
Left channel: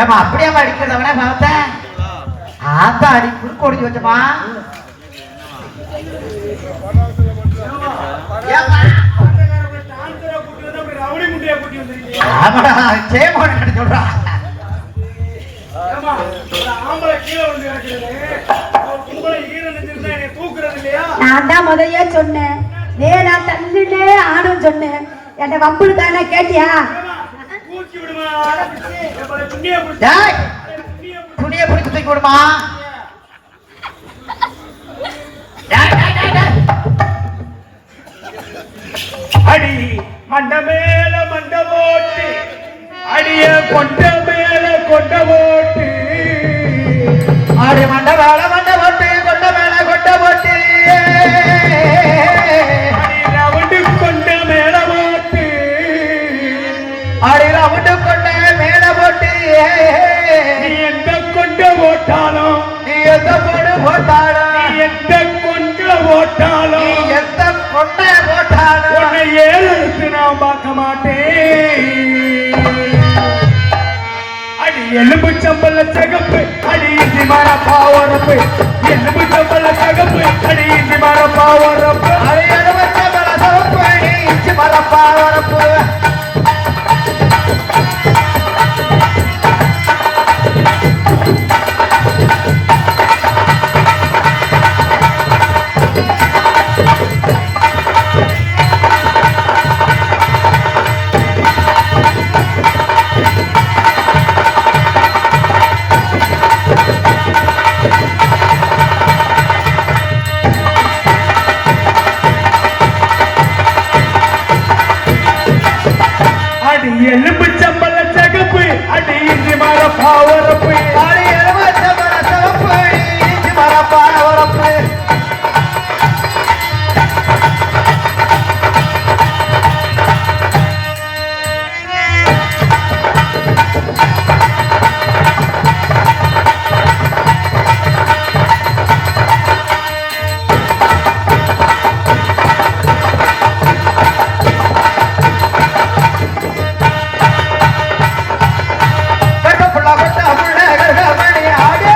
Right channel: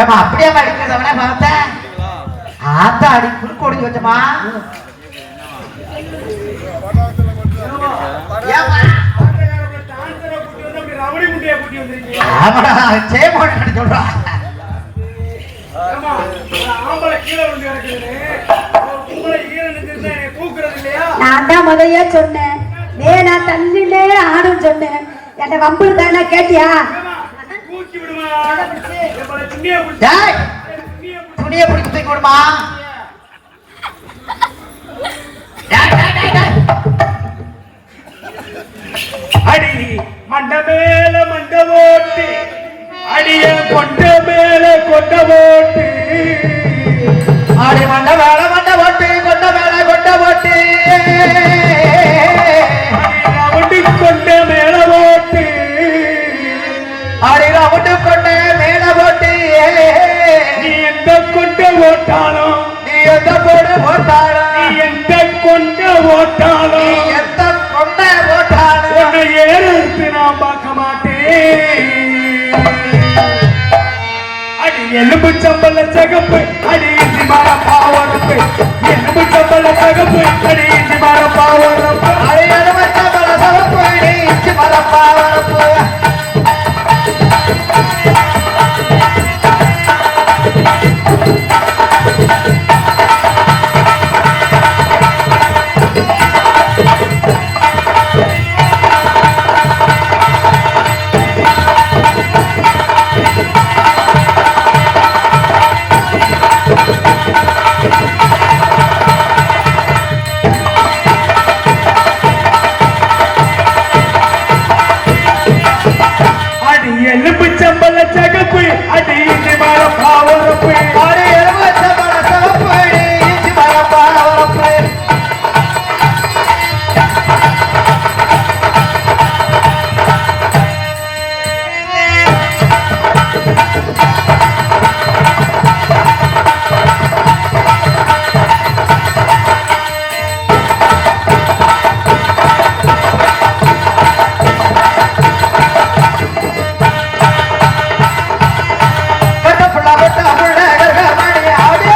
ஏமா அப்படியே அடிக்கிறவனே பார்த்தேன். ஆத்தா அடி குறுக்கோடி வச்சுமா. ரவுடி முட்டையை கூட்டி வந்திருக்கீங்க. சொல்றா ஆம்பளை கீழே வந்து கிடக்குது, கும்பலை ஈரன் என்னை தூக்குறது இல்லையா? நான் தான் முதல்ல சொன்னேன், வேணா தள்ளிலே ஆடும் சொன்னேன். என்ன கம்பளுக்கான கேட்டியா? தூக்கி விடுமா, துணியை துணியை பிடிச்சி தூக்கி விடுமா. அடி மண்ட மேல மண்ட போட்டு, அடிய கொண்ட மேல கொண்ட போட்டு, அடி மண்ட மேல மண்ட போட்டு, கொண்ட மேல கொண்ட போட்டு, ரவுண்டு கொண்ட மேல போட்டு, அடி ரவுண்டு கொண்ட மேல போட்டு, நீ எந்த கொண்ட ஓட்டாலும், நீ எந்த போடு போட்டாலும், நீ எந்த கொண்ட ஓட்டாலும், நீ எந்த கொண்ட போட்டாலும் உன்னை ஏறெடுத்து நான் பார்க்க மாட்டேன். எலும்பு சம்பள சகப்பு, அடி இஞ்சி மர பாவரப்பு, எலும்பு சம்பள சகப்பு அடி இஞ்சி மரப்பா வரப்பு அடி எலுமிச்சை பழ சகப்பு அடி இஞ்சி மரப்பா வரப்பு அடி எலுமிச்சம்பழ சகப்பு அடி இஞ்சி மரப்பா வரப்பு அடி எலுமிச்சை பழ சகப்பு அடி இஞ்சி மரப்பா வரப்பு கட்டப்புள்ள கட்டப்புள்ள கர்கமணி ஆடே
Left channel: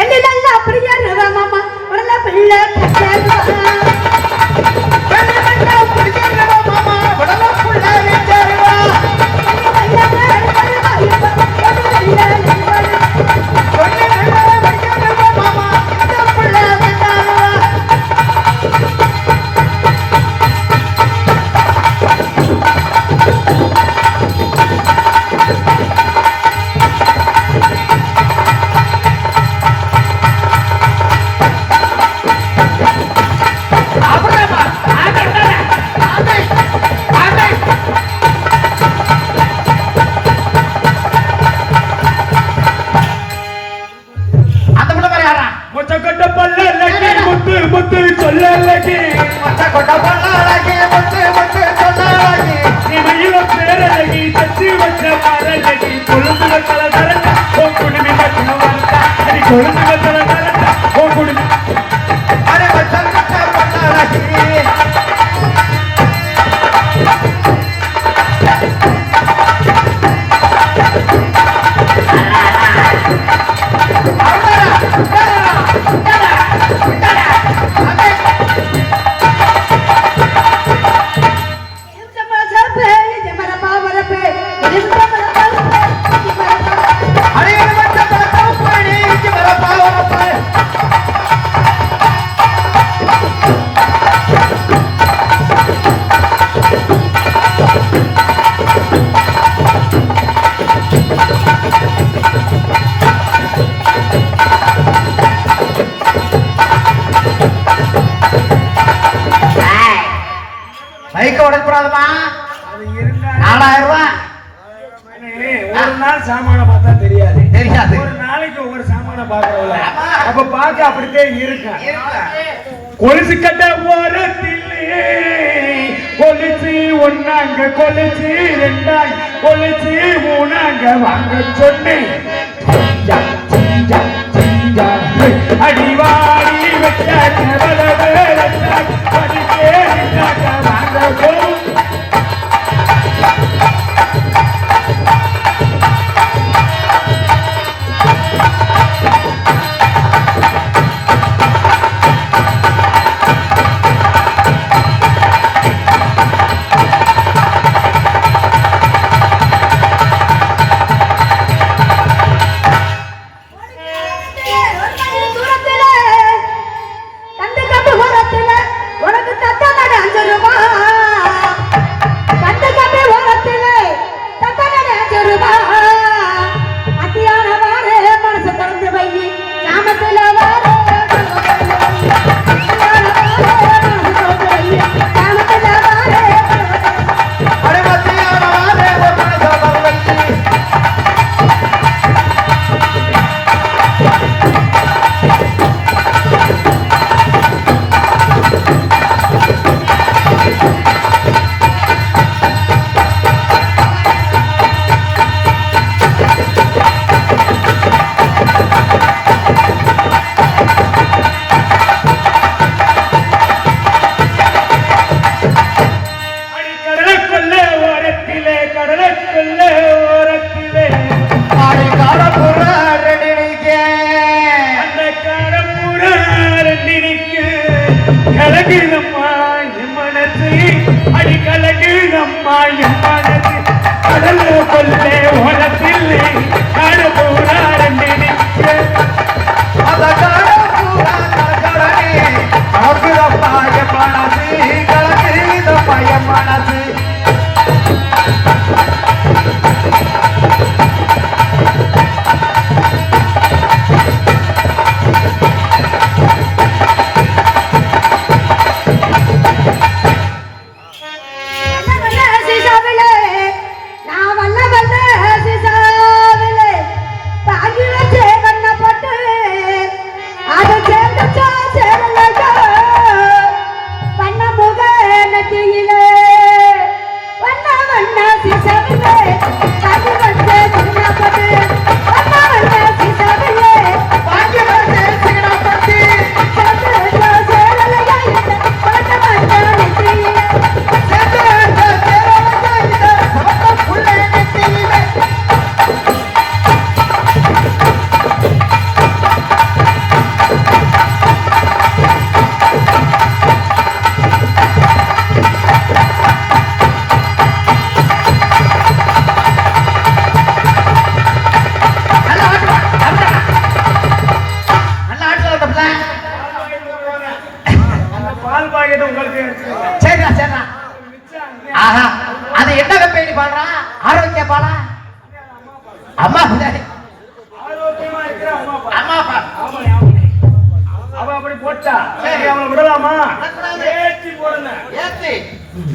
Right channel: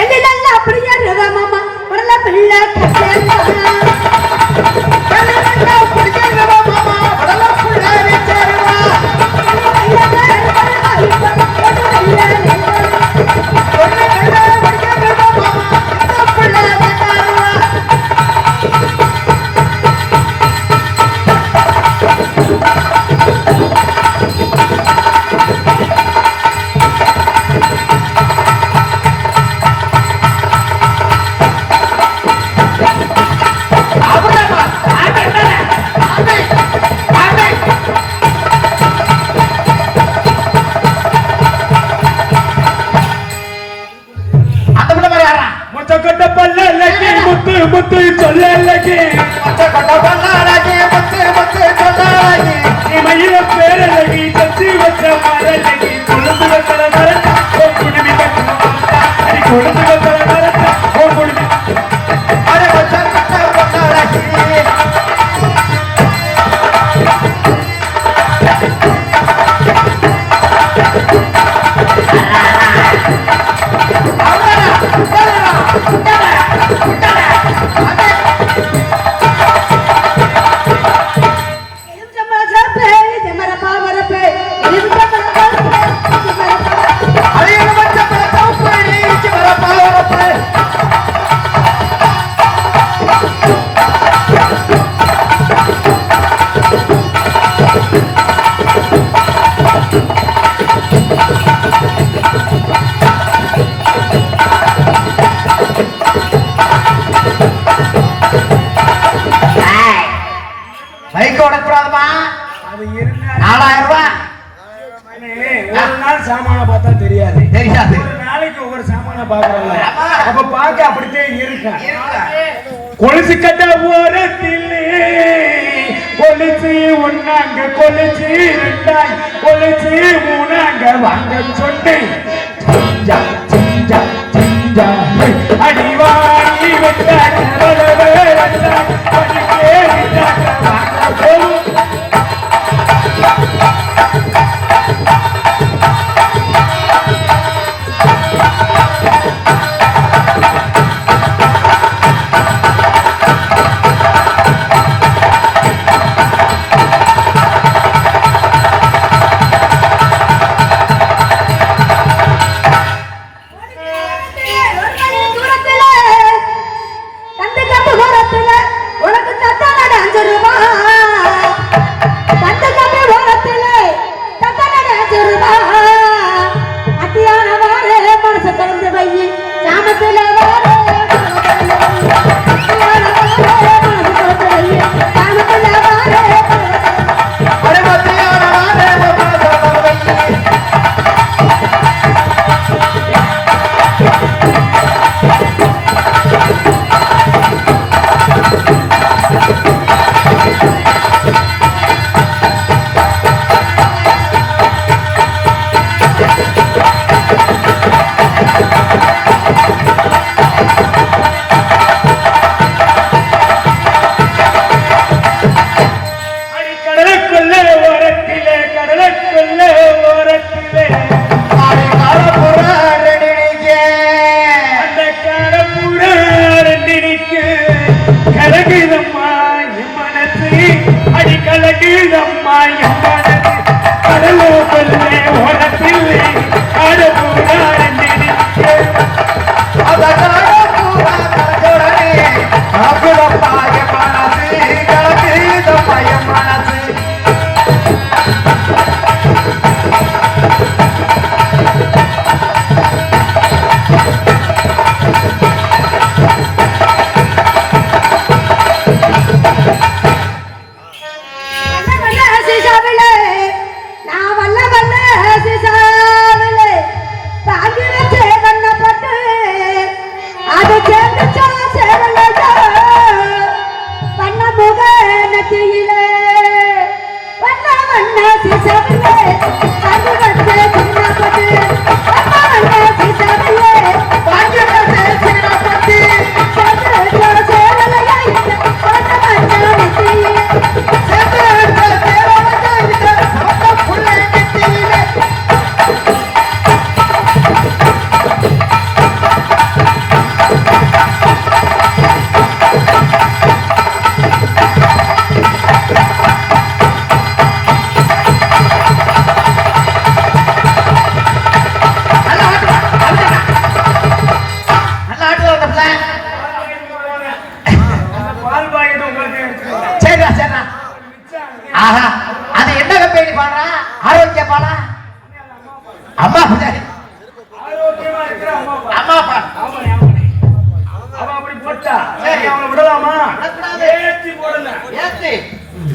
எங்கெல்லாம் அப்படியே இருவா மாமா உள்ள பிள்ளை கண்ணே குடிக்கிறவா மாமா படல புள்ள வெச்சருவா அந்த புள்ள மாதிரி ஆடுறான் முச்சக்கொட்ட பல்லக்கு முத்து முத்து சொல்லலக்கு மொத்த கொட்ட பல்லாலகி முத்து முத்து சொல்லாலகி இமையில பேரழகி கத்தி வச்ச மரலகி கொழுந்து வச்சல மரத்த ஓ குடுமி கட்டல மரத்த அடி கொழுந்து வச்சல மரத்த ஓ குடுமி அரே வச்சல் கட்ட பல்லாலகி அரே எலுமிச்சை பழ சகப்பு அடி இஞ்சி மரப்பா வரப்பு பைக் ஓடக்கூடாதுமா அது இருந்தா 4000 ரூபாய் ஒரு நாள் சாமான பார்த்தா தெரியாது தெரியாது ஒரு நாளைக்கு ஒவ்வொரு சாமான பார்க்கறோம்ல அப்ப பார்க்க அப்படித்தான் இருக்கும் கொலுசு கட்ட ஓரத்திலே கொலுசு ஒன்னாங்க கொலுசு ரெண்டாங்க கொலுசு மூணாங்க வாங்க சொன்னேன் சிஞ்சா, சிஞ்சா, சிஞ்சா, ஹே. அடிவாரி வெட்டாங்க வரவே வெட்டாங்க, வலிக்கே வெட்டாங்க, வாங்க போவோம். அடிக்கலக்கு நம்மா எம்மனது கடலோர கொல்லே ஓரத்தில்லே ஆட போராட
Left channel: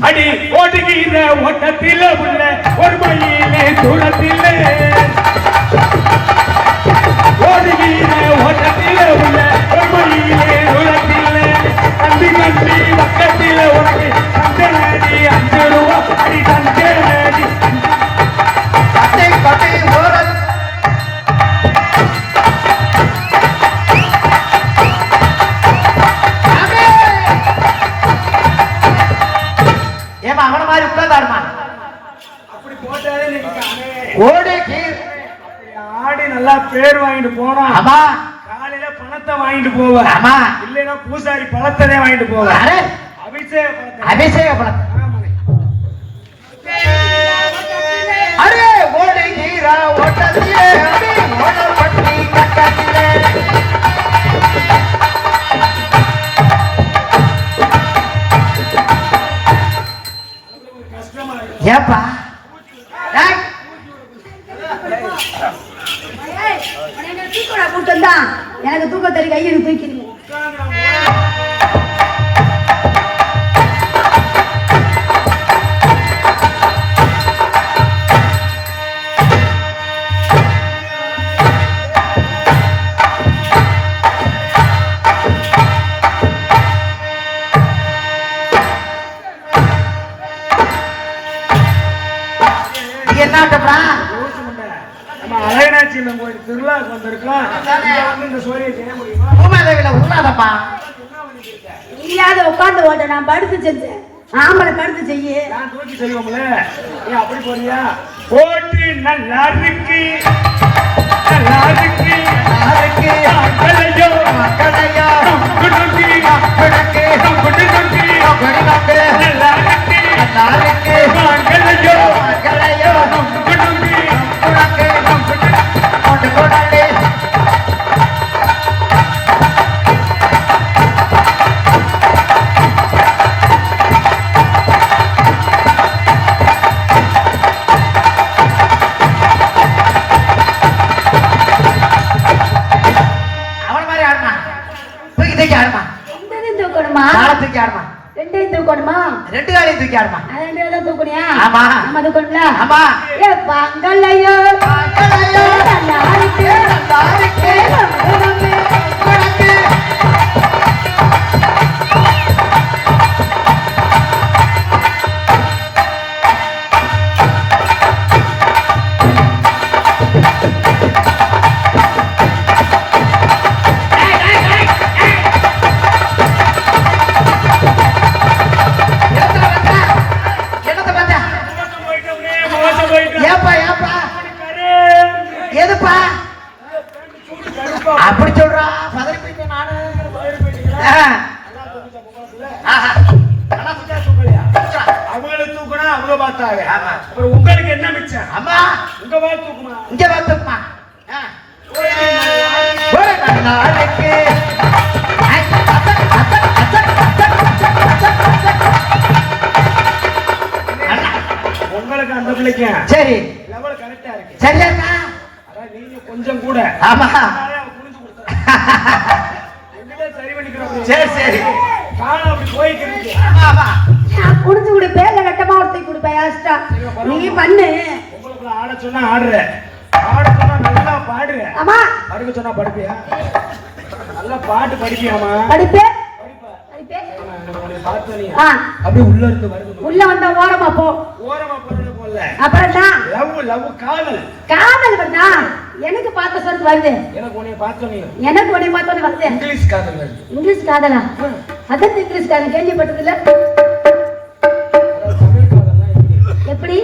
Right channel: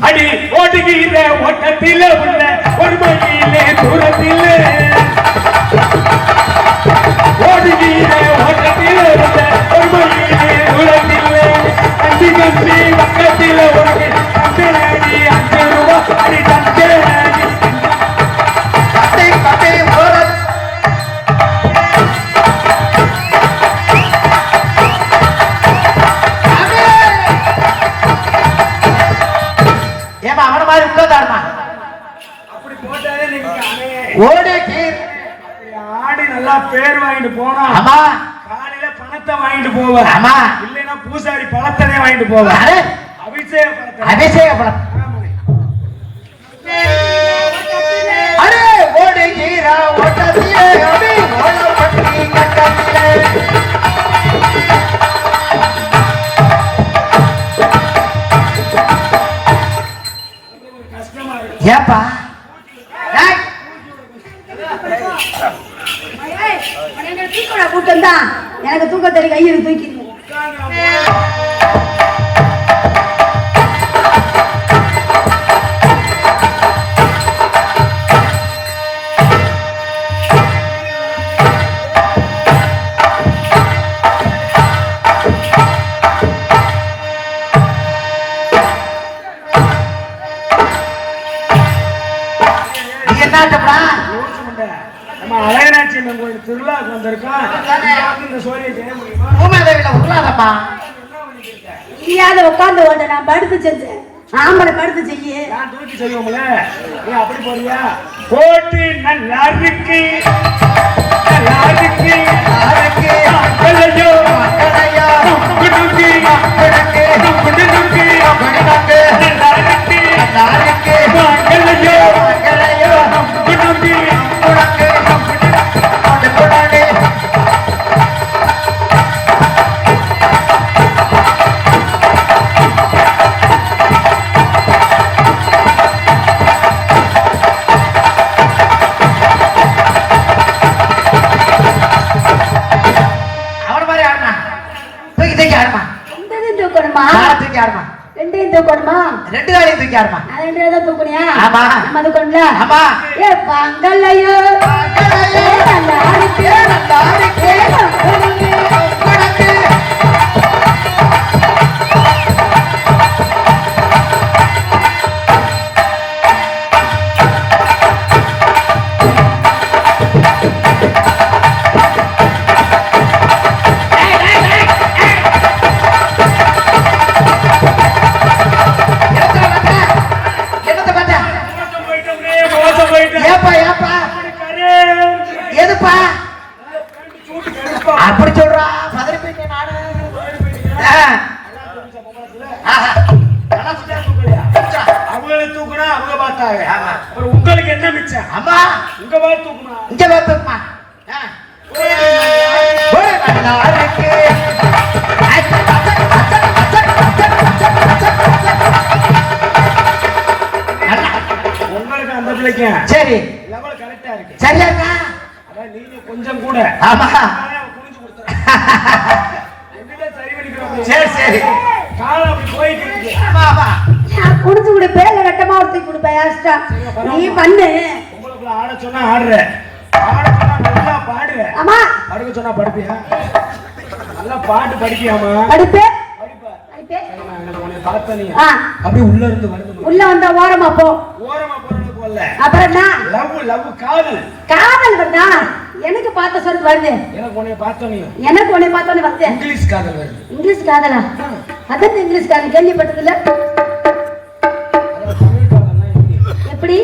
அடி ஓட்டுகிற ஓட்டத்தில் உள்ள ஒரு மயிலே தூரத்தில் ஓடுகிற ஓட்டத்தில் உள்ள ஒரு மயிலே தூரத்தில் கத்தி கத்தி கத்தில உனக்கு கத்தலடி 5 ரூபா அடி கத்தலடி கத்தி கத்தி ஓரம் ஆடி நல்லா பேர் வாங்கிட்டு போனா காலையில பணத்தை வாங்கிட்டு போவ இல்லைன்னா பூசாரி பழத்தனே வாங்கிட்டு போவ அபிஷேக பழம் ஏப்பா எனக்கு தூக்கம் தெரிய கையில் தூக்கி உட்கார்ந்து நான் படுத்து செஞ்சேன் ஆம்பளை படுத்து செய்ய தூக்கி செய்வோம்ல நீ அப்படி போறியா கோட்டி நல்லா இருக்கு நல்லா இருக்கு கலையோ கலையோ குடுங்கி படக்கே குடுங்கி படக்கே நல்லா இருக்கு நல்லா இருக்கு கலையோ கலையோ குடுங்கி படக்கே குடுங்கி ரெண்டு காலையும் தூக்கி ஆடுமா அதை தூக்குனியா ஆமா நம்ம தூக்கணும்ல ஆமா ஏ பங்கலையோ பங்கலையோ நாரிக்கே நாரிக்கே அப்படி பார்த்தாங்க. ஆமா. அப்புறம் உங்களுக்கு என்ன மிச்சம்? ஆமா உங்க வாய் தூக்குமா? இங்க பார்த்துமா ஒரே நாளைக்கு ஒரு நாளைக்கு உங்களுக்கு அந்த பிள்ளைக்கு சரி லெவல் கரெக்டா இருக்கு. சரியா இருக்கா? அதான் நீங்க கொஞ்சம் கூட ஆமா நானே அவன் குனிஞ்சு கொடுத்தேன். என்னடா சரி பண்ணிக்கிறோம்? சரி, சரி. காலம் அப்படி போயிட்டு இருக்கு. ஆமா ஆமா நான் குடிச்சு கொடுப்பேன் இல்ல ரெட்டமா ஒருத்தி கொடுப்பேன் இஷ்டம். நீ பண்ணு. உங்களுக்குள்ள ஆட சொன்னா ஆடுற, ஆட சொன்னா நல்லா பாடுற, ஆமா படுக்க சொன்னா படுப்பியா? நல்லா பாட்டு படிப்பியாமா? படிப்பே படிப்பா. படிப்பே. உனக்கு பார்த்தனே ஆ அப்படியே உள்ள இருந்து வருது. உள்ள வந்த ஓரமா போ. ஓரமா போறது போல. அப்புறம் என்ன? லவ் காதல். காதல் வந்தா எனக்கு பார்த்த சொல்றது வருது. எனக்கு உன்னை பார்த்தனே எனக்கு உன்னை பார்த்தோன்னே வருது. இங்கிலீஷ் காதல் வருது. இங்கிலீஷ் காதலா? அதான் இங்கிலீஷ் காதல் கேள்விப்பட்டதில்ல. அதான் தமிழ் காதல்லாம் எப்படி? எப்படி?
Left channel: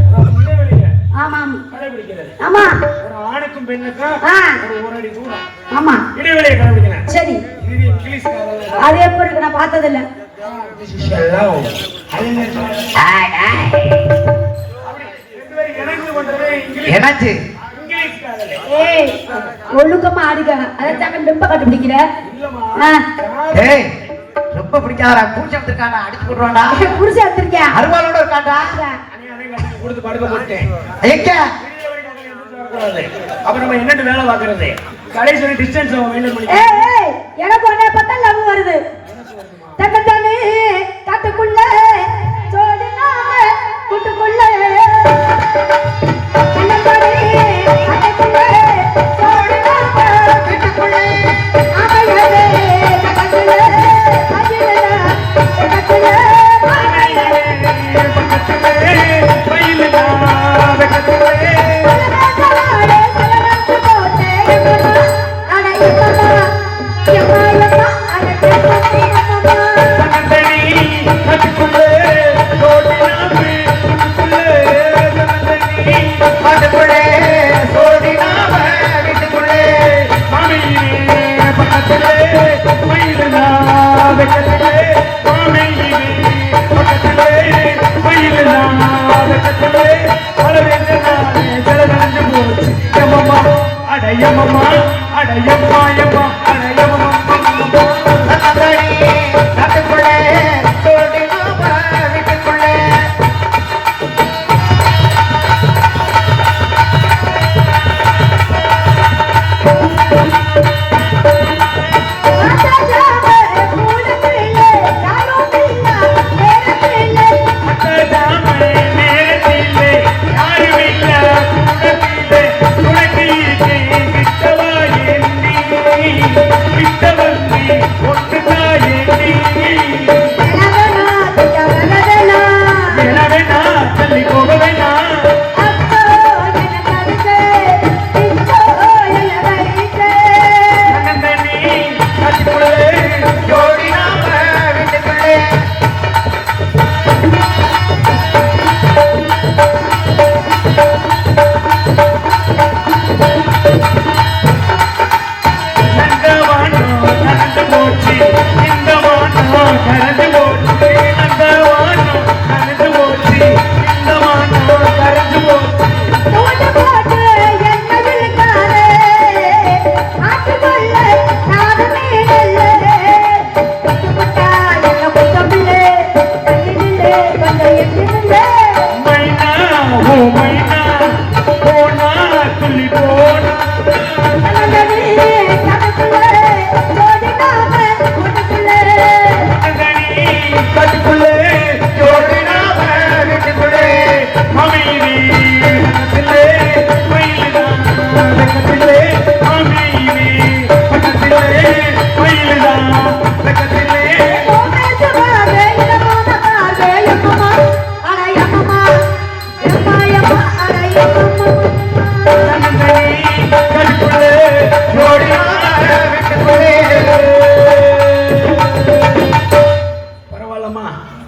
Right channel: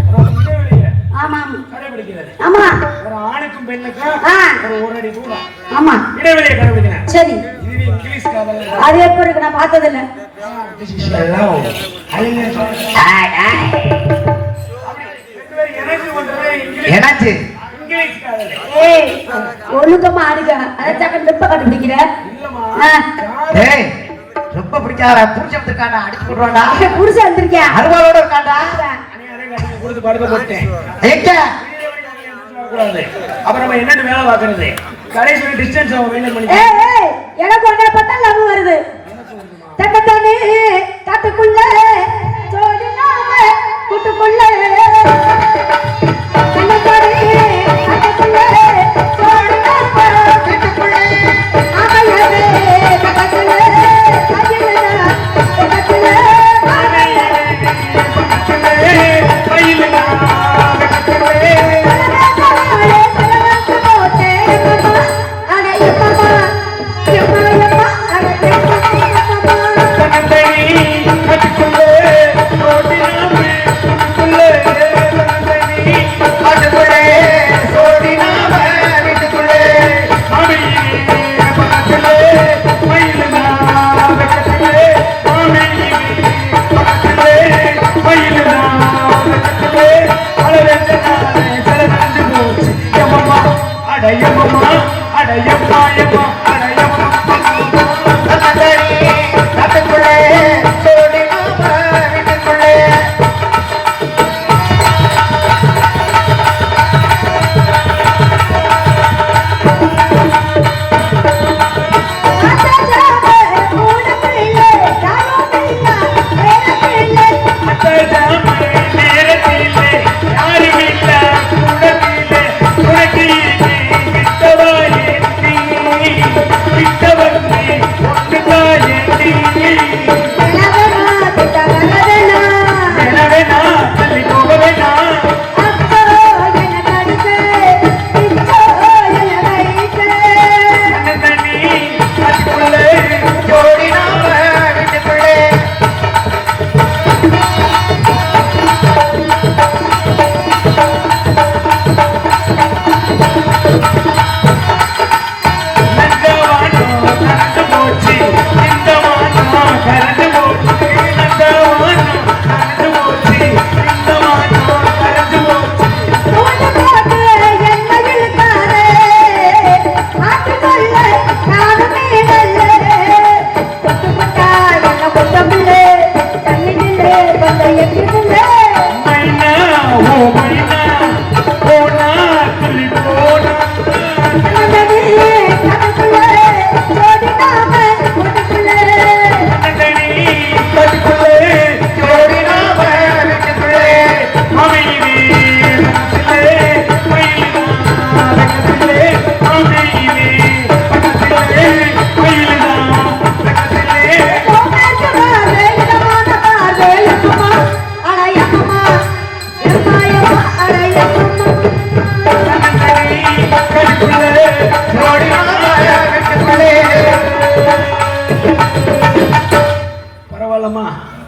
அதான் இடைவெளியில ஆமா கடைபிடிக்கிறது. ஆமா ஒரு ஆணுக்கும் பெண்ணுக்கும் ஆ. ஒரு அடி கூட ஆமா இடைவெளியை கடைபிடிக்கிறேன். சரி. இதுவே இங்கிலீஷ் காதல் அதே பிறகு நான் பார்த்ததில்ல. எனக்கு எனக்கு எனக்கு இங்கிலீஷ் காதல் ஏய் ஒழுக்கமா அடிக்க அதான் ரொம்ப கண்டுபிடிக்கிற. இல்லம்மா. ஏய் ரொம்ப பிடிக்காத புருஷன் இருக்காண்டா அடிச்சு போடுவாடா புருஷன் வந்திருக்கேன். அருவாளோட இருக்காண்டா கொடுத்து படுக்க போட்டேன். எங்க கூடாது. அப்புறம் நம்ம என்னன்னு வேலை பார்க்கறது? கடைசி டிஸ்டன்ஸ் அவங்க மெயின்டைன் பண்ணி ஏய் ஏய் எனக்கு உன்னை பார்த்தா லவ் வருது. தக்கத்தானே காட்டுக்குள்ள ஜோடி நாம கூட்டுக்குள்ள கண்ணப்பாடி காட்டுக்குள்ள ஜோடி நாம கூட்டுக்குள்ள ஆமையலே தக்கத்துல அகிலனா தக்கத்துல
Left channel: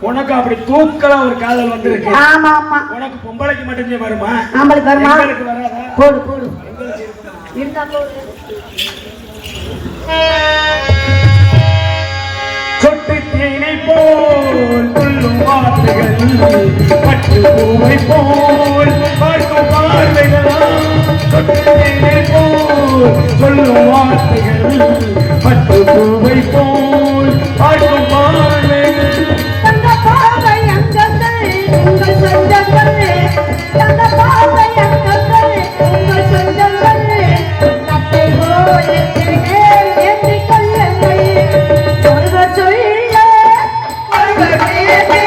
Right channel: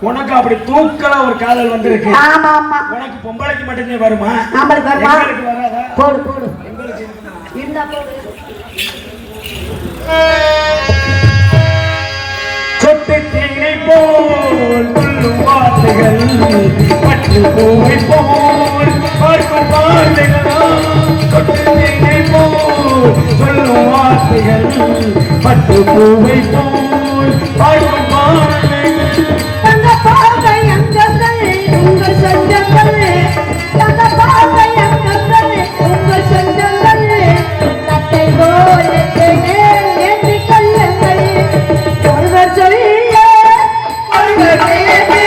உனக்கு அப்படி தூக்கலா ஒரு காதல் வந்திருக்கு. ஆமா ஆமா. உனக்கு பொம்பளைக்கு மட்டுமே வருமா? ஆம்பளைக்கு வருமா? எங்களுக்கு வராதா? போடு போடு. எங்களுக்கு இருக்குமா? இருந்தா போடு. சொட்டு தேனை போல் வார்த்தைகள் பட்டு பூவை போல் பார்க்கும் வார்த்தைகள் சொல்லும் வார்த்தைகள் பட்டு பூவை போல் பார்க்கும் வார்த்தைகள் அந்த பார்வை அங்கங்கள் உங்கள் சொந்தங்கள் அந்த பார்வை அங்கங்கள் உங்கள் சொந்தங்கள் தத்தை போல் ஏற்றி கொள்ளுங்கள் ஒருவர் சொல்ல ஒருவர் கேட்டு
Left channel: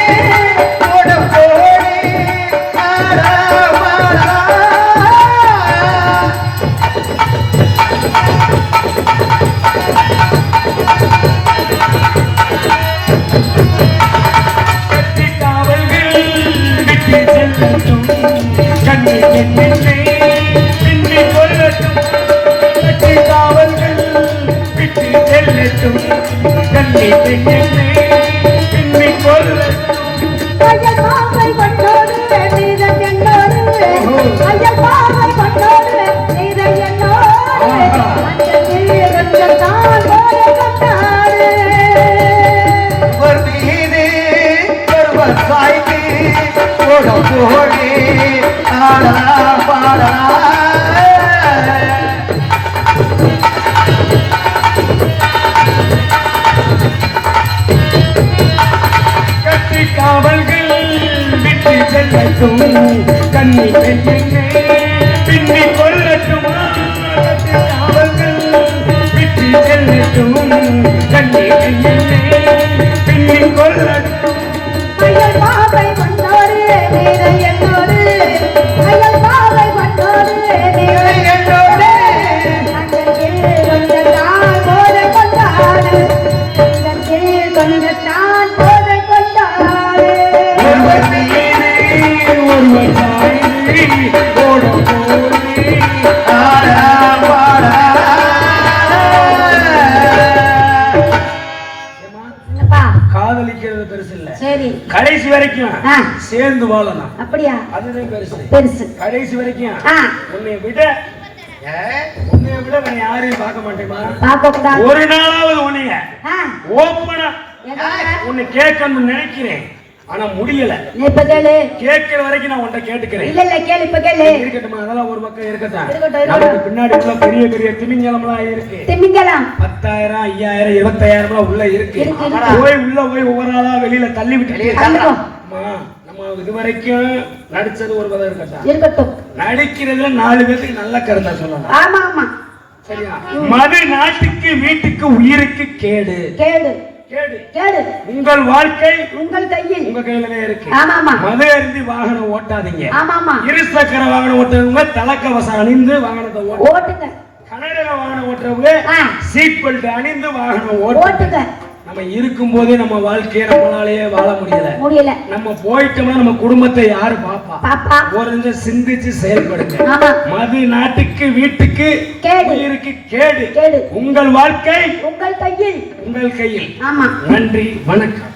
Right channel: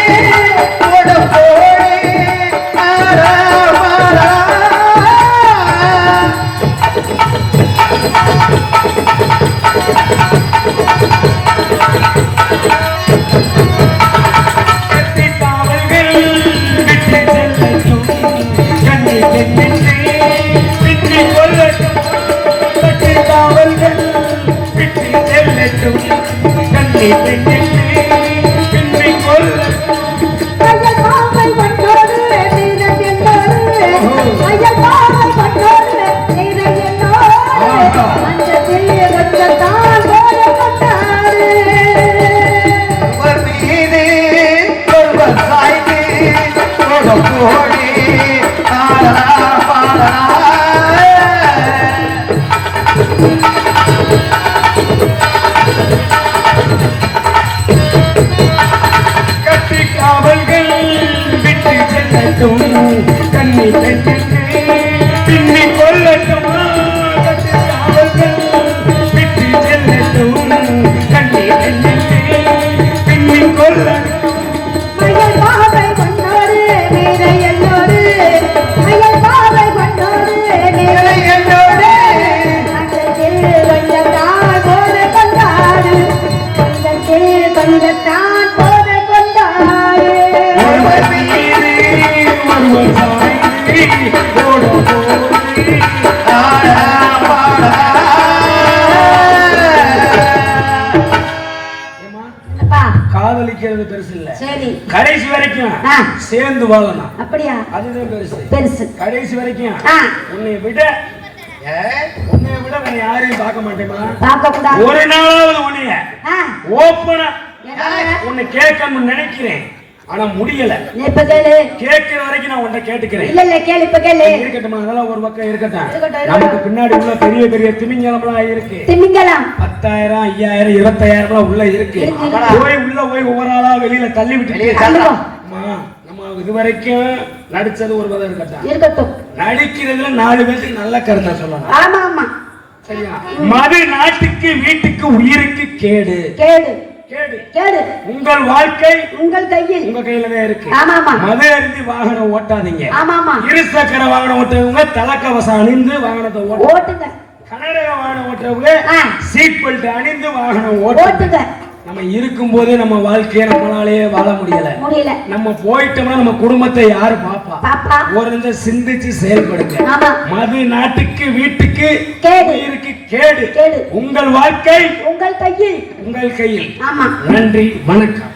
கத்தித்தாவல்கள் விட்டு செல்லட்டும் கண்ணீர் பின்னே பின்னி கொள்ளட்டும் கத்தித்தாவல்கள் விட்டு செல்லட்டும் கண்ணீர் பின்னே பின்னி கொள்ளட்டும் ஐயர் பாவை பட்டோடு வீரன் என்னோடு ஐயர் பாவை பட்டோடு வீரன் என்னோடு அந்த தீரத்தான் கொண்டாடு ஒரு மீது ஒருவர் சாய்ந்து போடி ஆடா பாடா கத்தி காவல்கள் விட்டு செல்லட்டும் கண்ணி பெண்ணே பின்னி கொள்ளட்டும் கத்தி காவல்கள் விட்டு செல்லட்டும் கண்ணி பெண்ணே பின்னி கொள்ளட்டும் ஐயர் பாவை பட்டோடு வீரன் என்னோடு ஐயர் பாவை பட்டோடு வீரன் என்னோடு அந்த கொஞ்சத்தான் போதை கொண்டாடு அந்த கொஞ்சத்தான் போதை கொண்டாடு ஒருவர் மீது ஒருவர் சாய்ந்து ஓட போடி ஆடா பாடா காதலிக்கிறது பெருசு இல்ல சரி கடைசி வரைக்கும் ஆ. சேர்ந்து வாழலாம் அப்படியா அதுதான் பெருசு பெருசு கடைசி வரைக்கும் ஆ உன்னை விட வேற யாரையும் பார்க்க மாட்டேமா பார்க்க கூடாது ஒரு நாளாவது உன்னைய ஆ ஓப்பனா என்ன உன்னை கேட்கணும்னு நினைக்கிறேன் ஆனா முடியல நீ இப்ப கேளு கேட்கிற வரைக்கும் நான் உன்னை கேட்டுக்கிறேன் இல்ல இல்ல கேளு இப்ப கேளு இருக்கட்டும் அதெல்லாம் ஒரு பக்கம் இருக்கட்டும் இருக்கட்டும். நமக்கு பின்னாடி உள்ள பெரிய பெரிய திமிங்கலம்லாம் இருக்கு திமிங்கலாம் 10,000 5,000 25,000 உள்ள இருக்கு இருக்கு. போய் ஒவ்வொரு ஆளா வெளியில தள்ளி விட்டு தள்ளுவோம். நம்ம இதுவரைக்கும் நடிச்சது ஒரு விதம் இருக்கட்டும் இருக்கட்டும் நடிக்கிறதுல 4 பேருக்கு நல்ல கருத்தா சொல்லலாம் ஆமா ஆமா சரியா மது நாட்டுக்கு வீட்டுக்கு உயிருக்கு கேடு கேளு கேடு கேளு உங்கள் வாழ்க்கை உங்கள் கையில் உங்க கையில தான் இருக்கு ஆமா ஆமா மது அருந்தி வாகனம் ஓட்டாதீங்க ஆமா ஆமா இருசக்கர வாகனம் ஓட்டுறவங்க தலைக்கவசம் அணிந்து வாகனத்தை ஓட்டு ஓட்டுங்க கனடக வாகனம் ஓட்டுறவங்க ஆ. சீட் பெல்ட் அணிந்து வாகனம் ஓட்டு ஓட்டுங்க நம்ம இருக்கும்போது நம்ம வாழ்க்கையை நம்மளாலேயே வாழ முடியல முடியல நம்ம போயிட்டோம்னா நம்ம குடும்பத்தை யாரு பாப்பா பாப்பா ஒரு சிந்திச்சு செயல்படுங்க ஆமா மது நாட்டுக்கு வீட்டுக்கு கேடு. உயிருக்கு கேடு கேடு. உங்கள் வாழ்க்கை உங்கள் கையில் உங்கள் கையில் ஆமா நன்றி வணக்கம்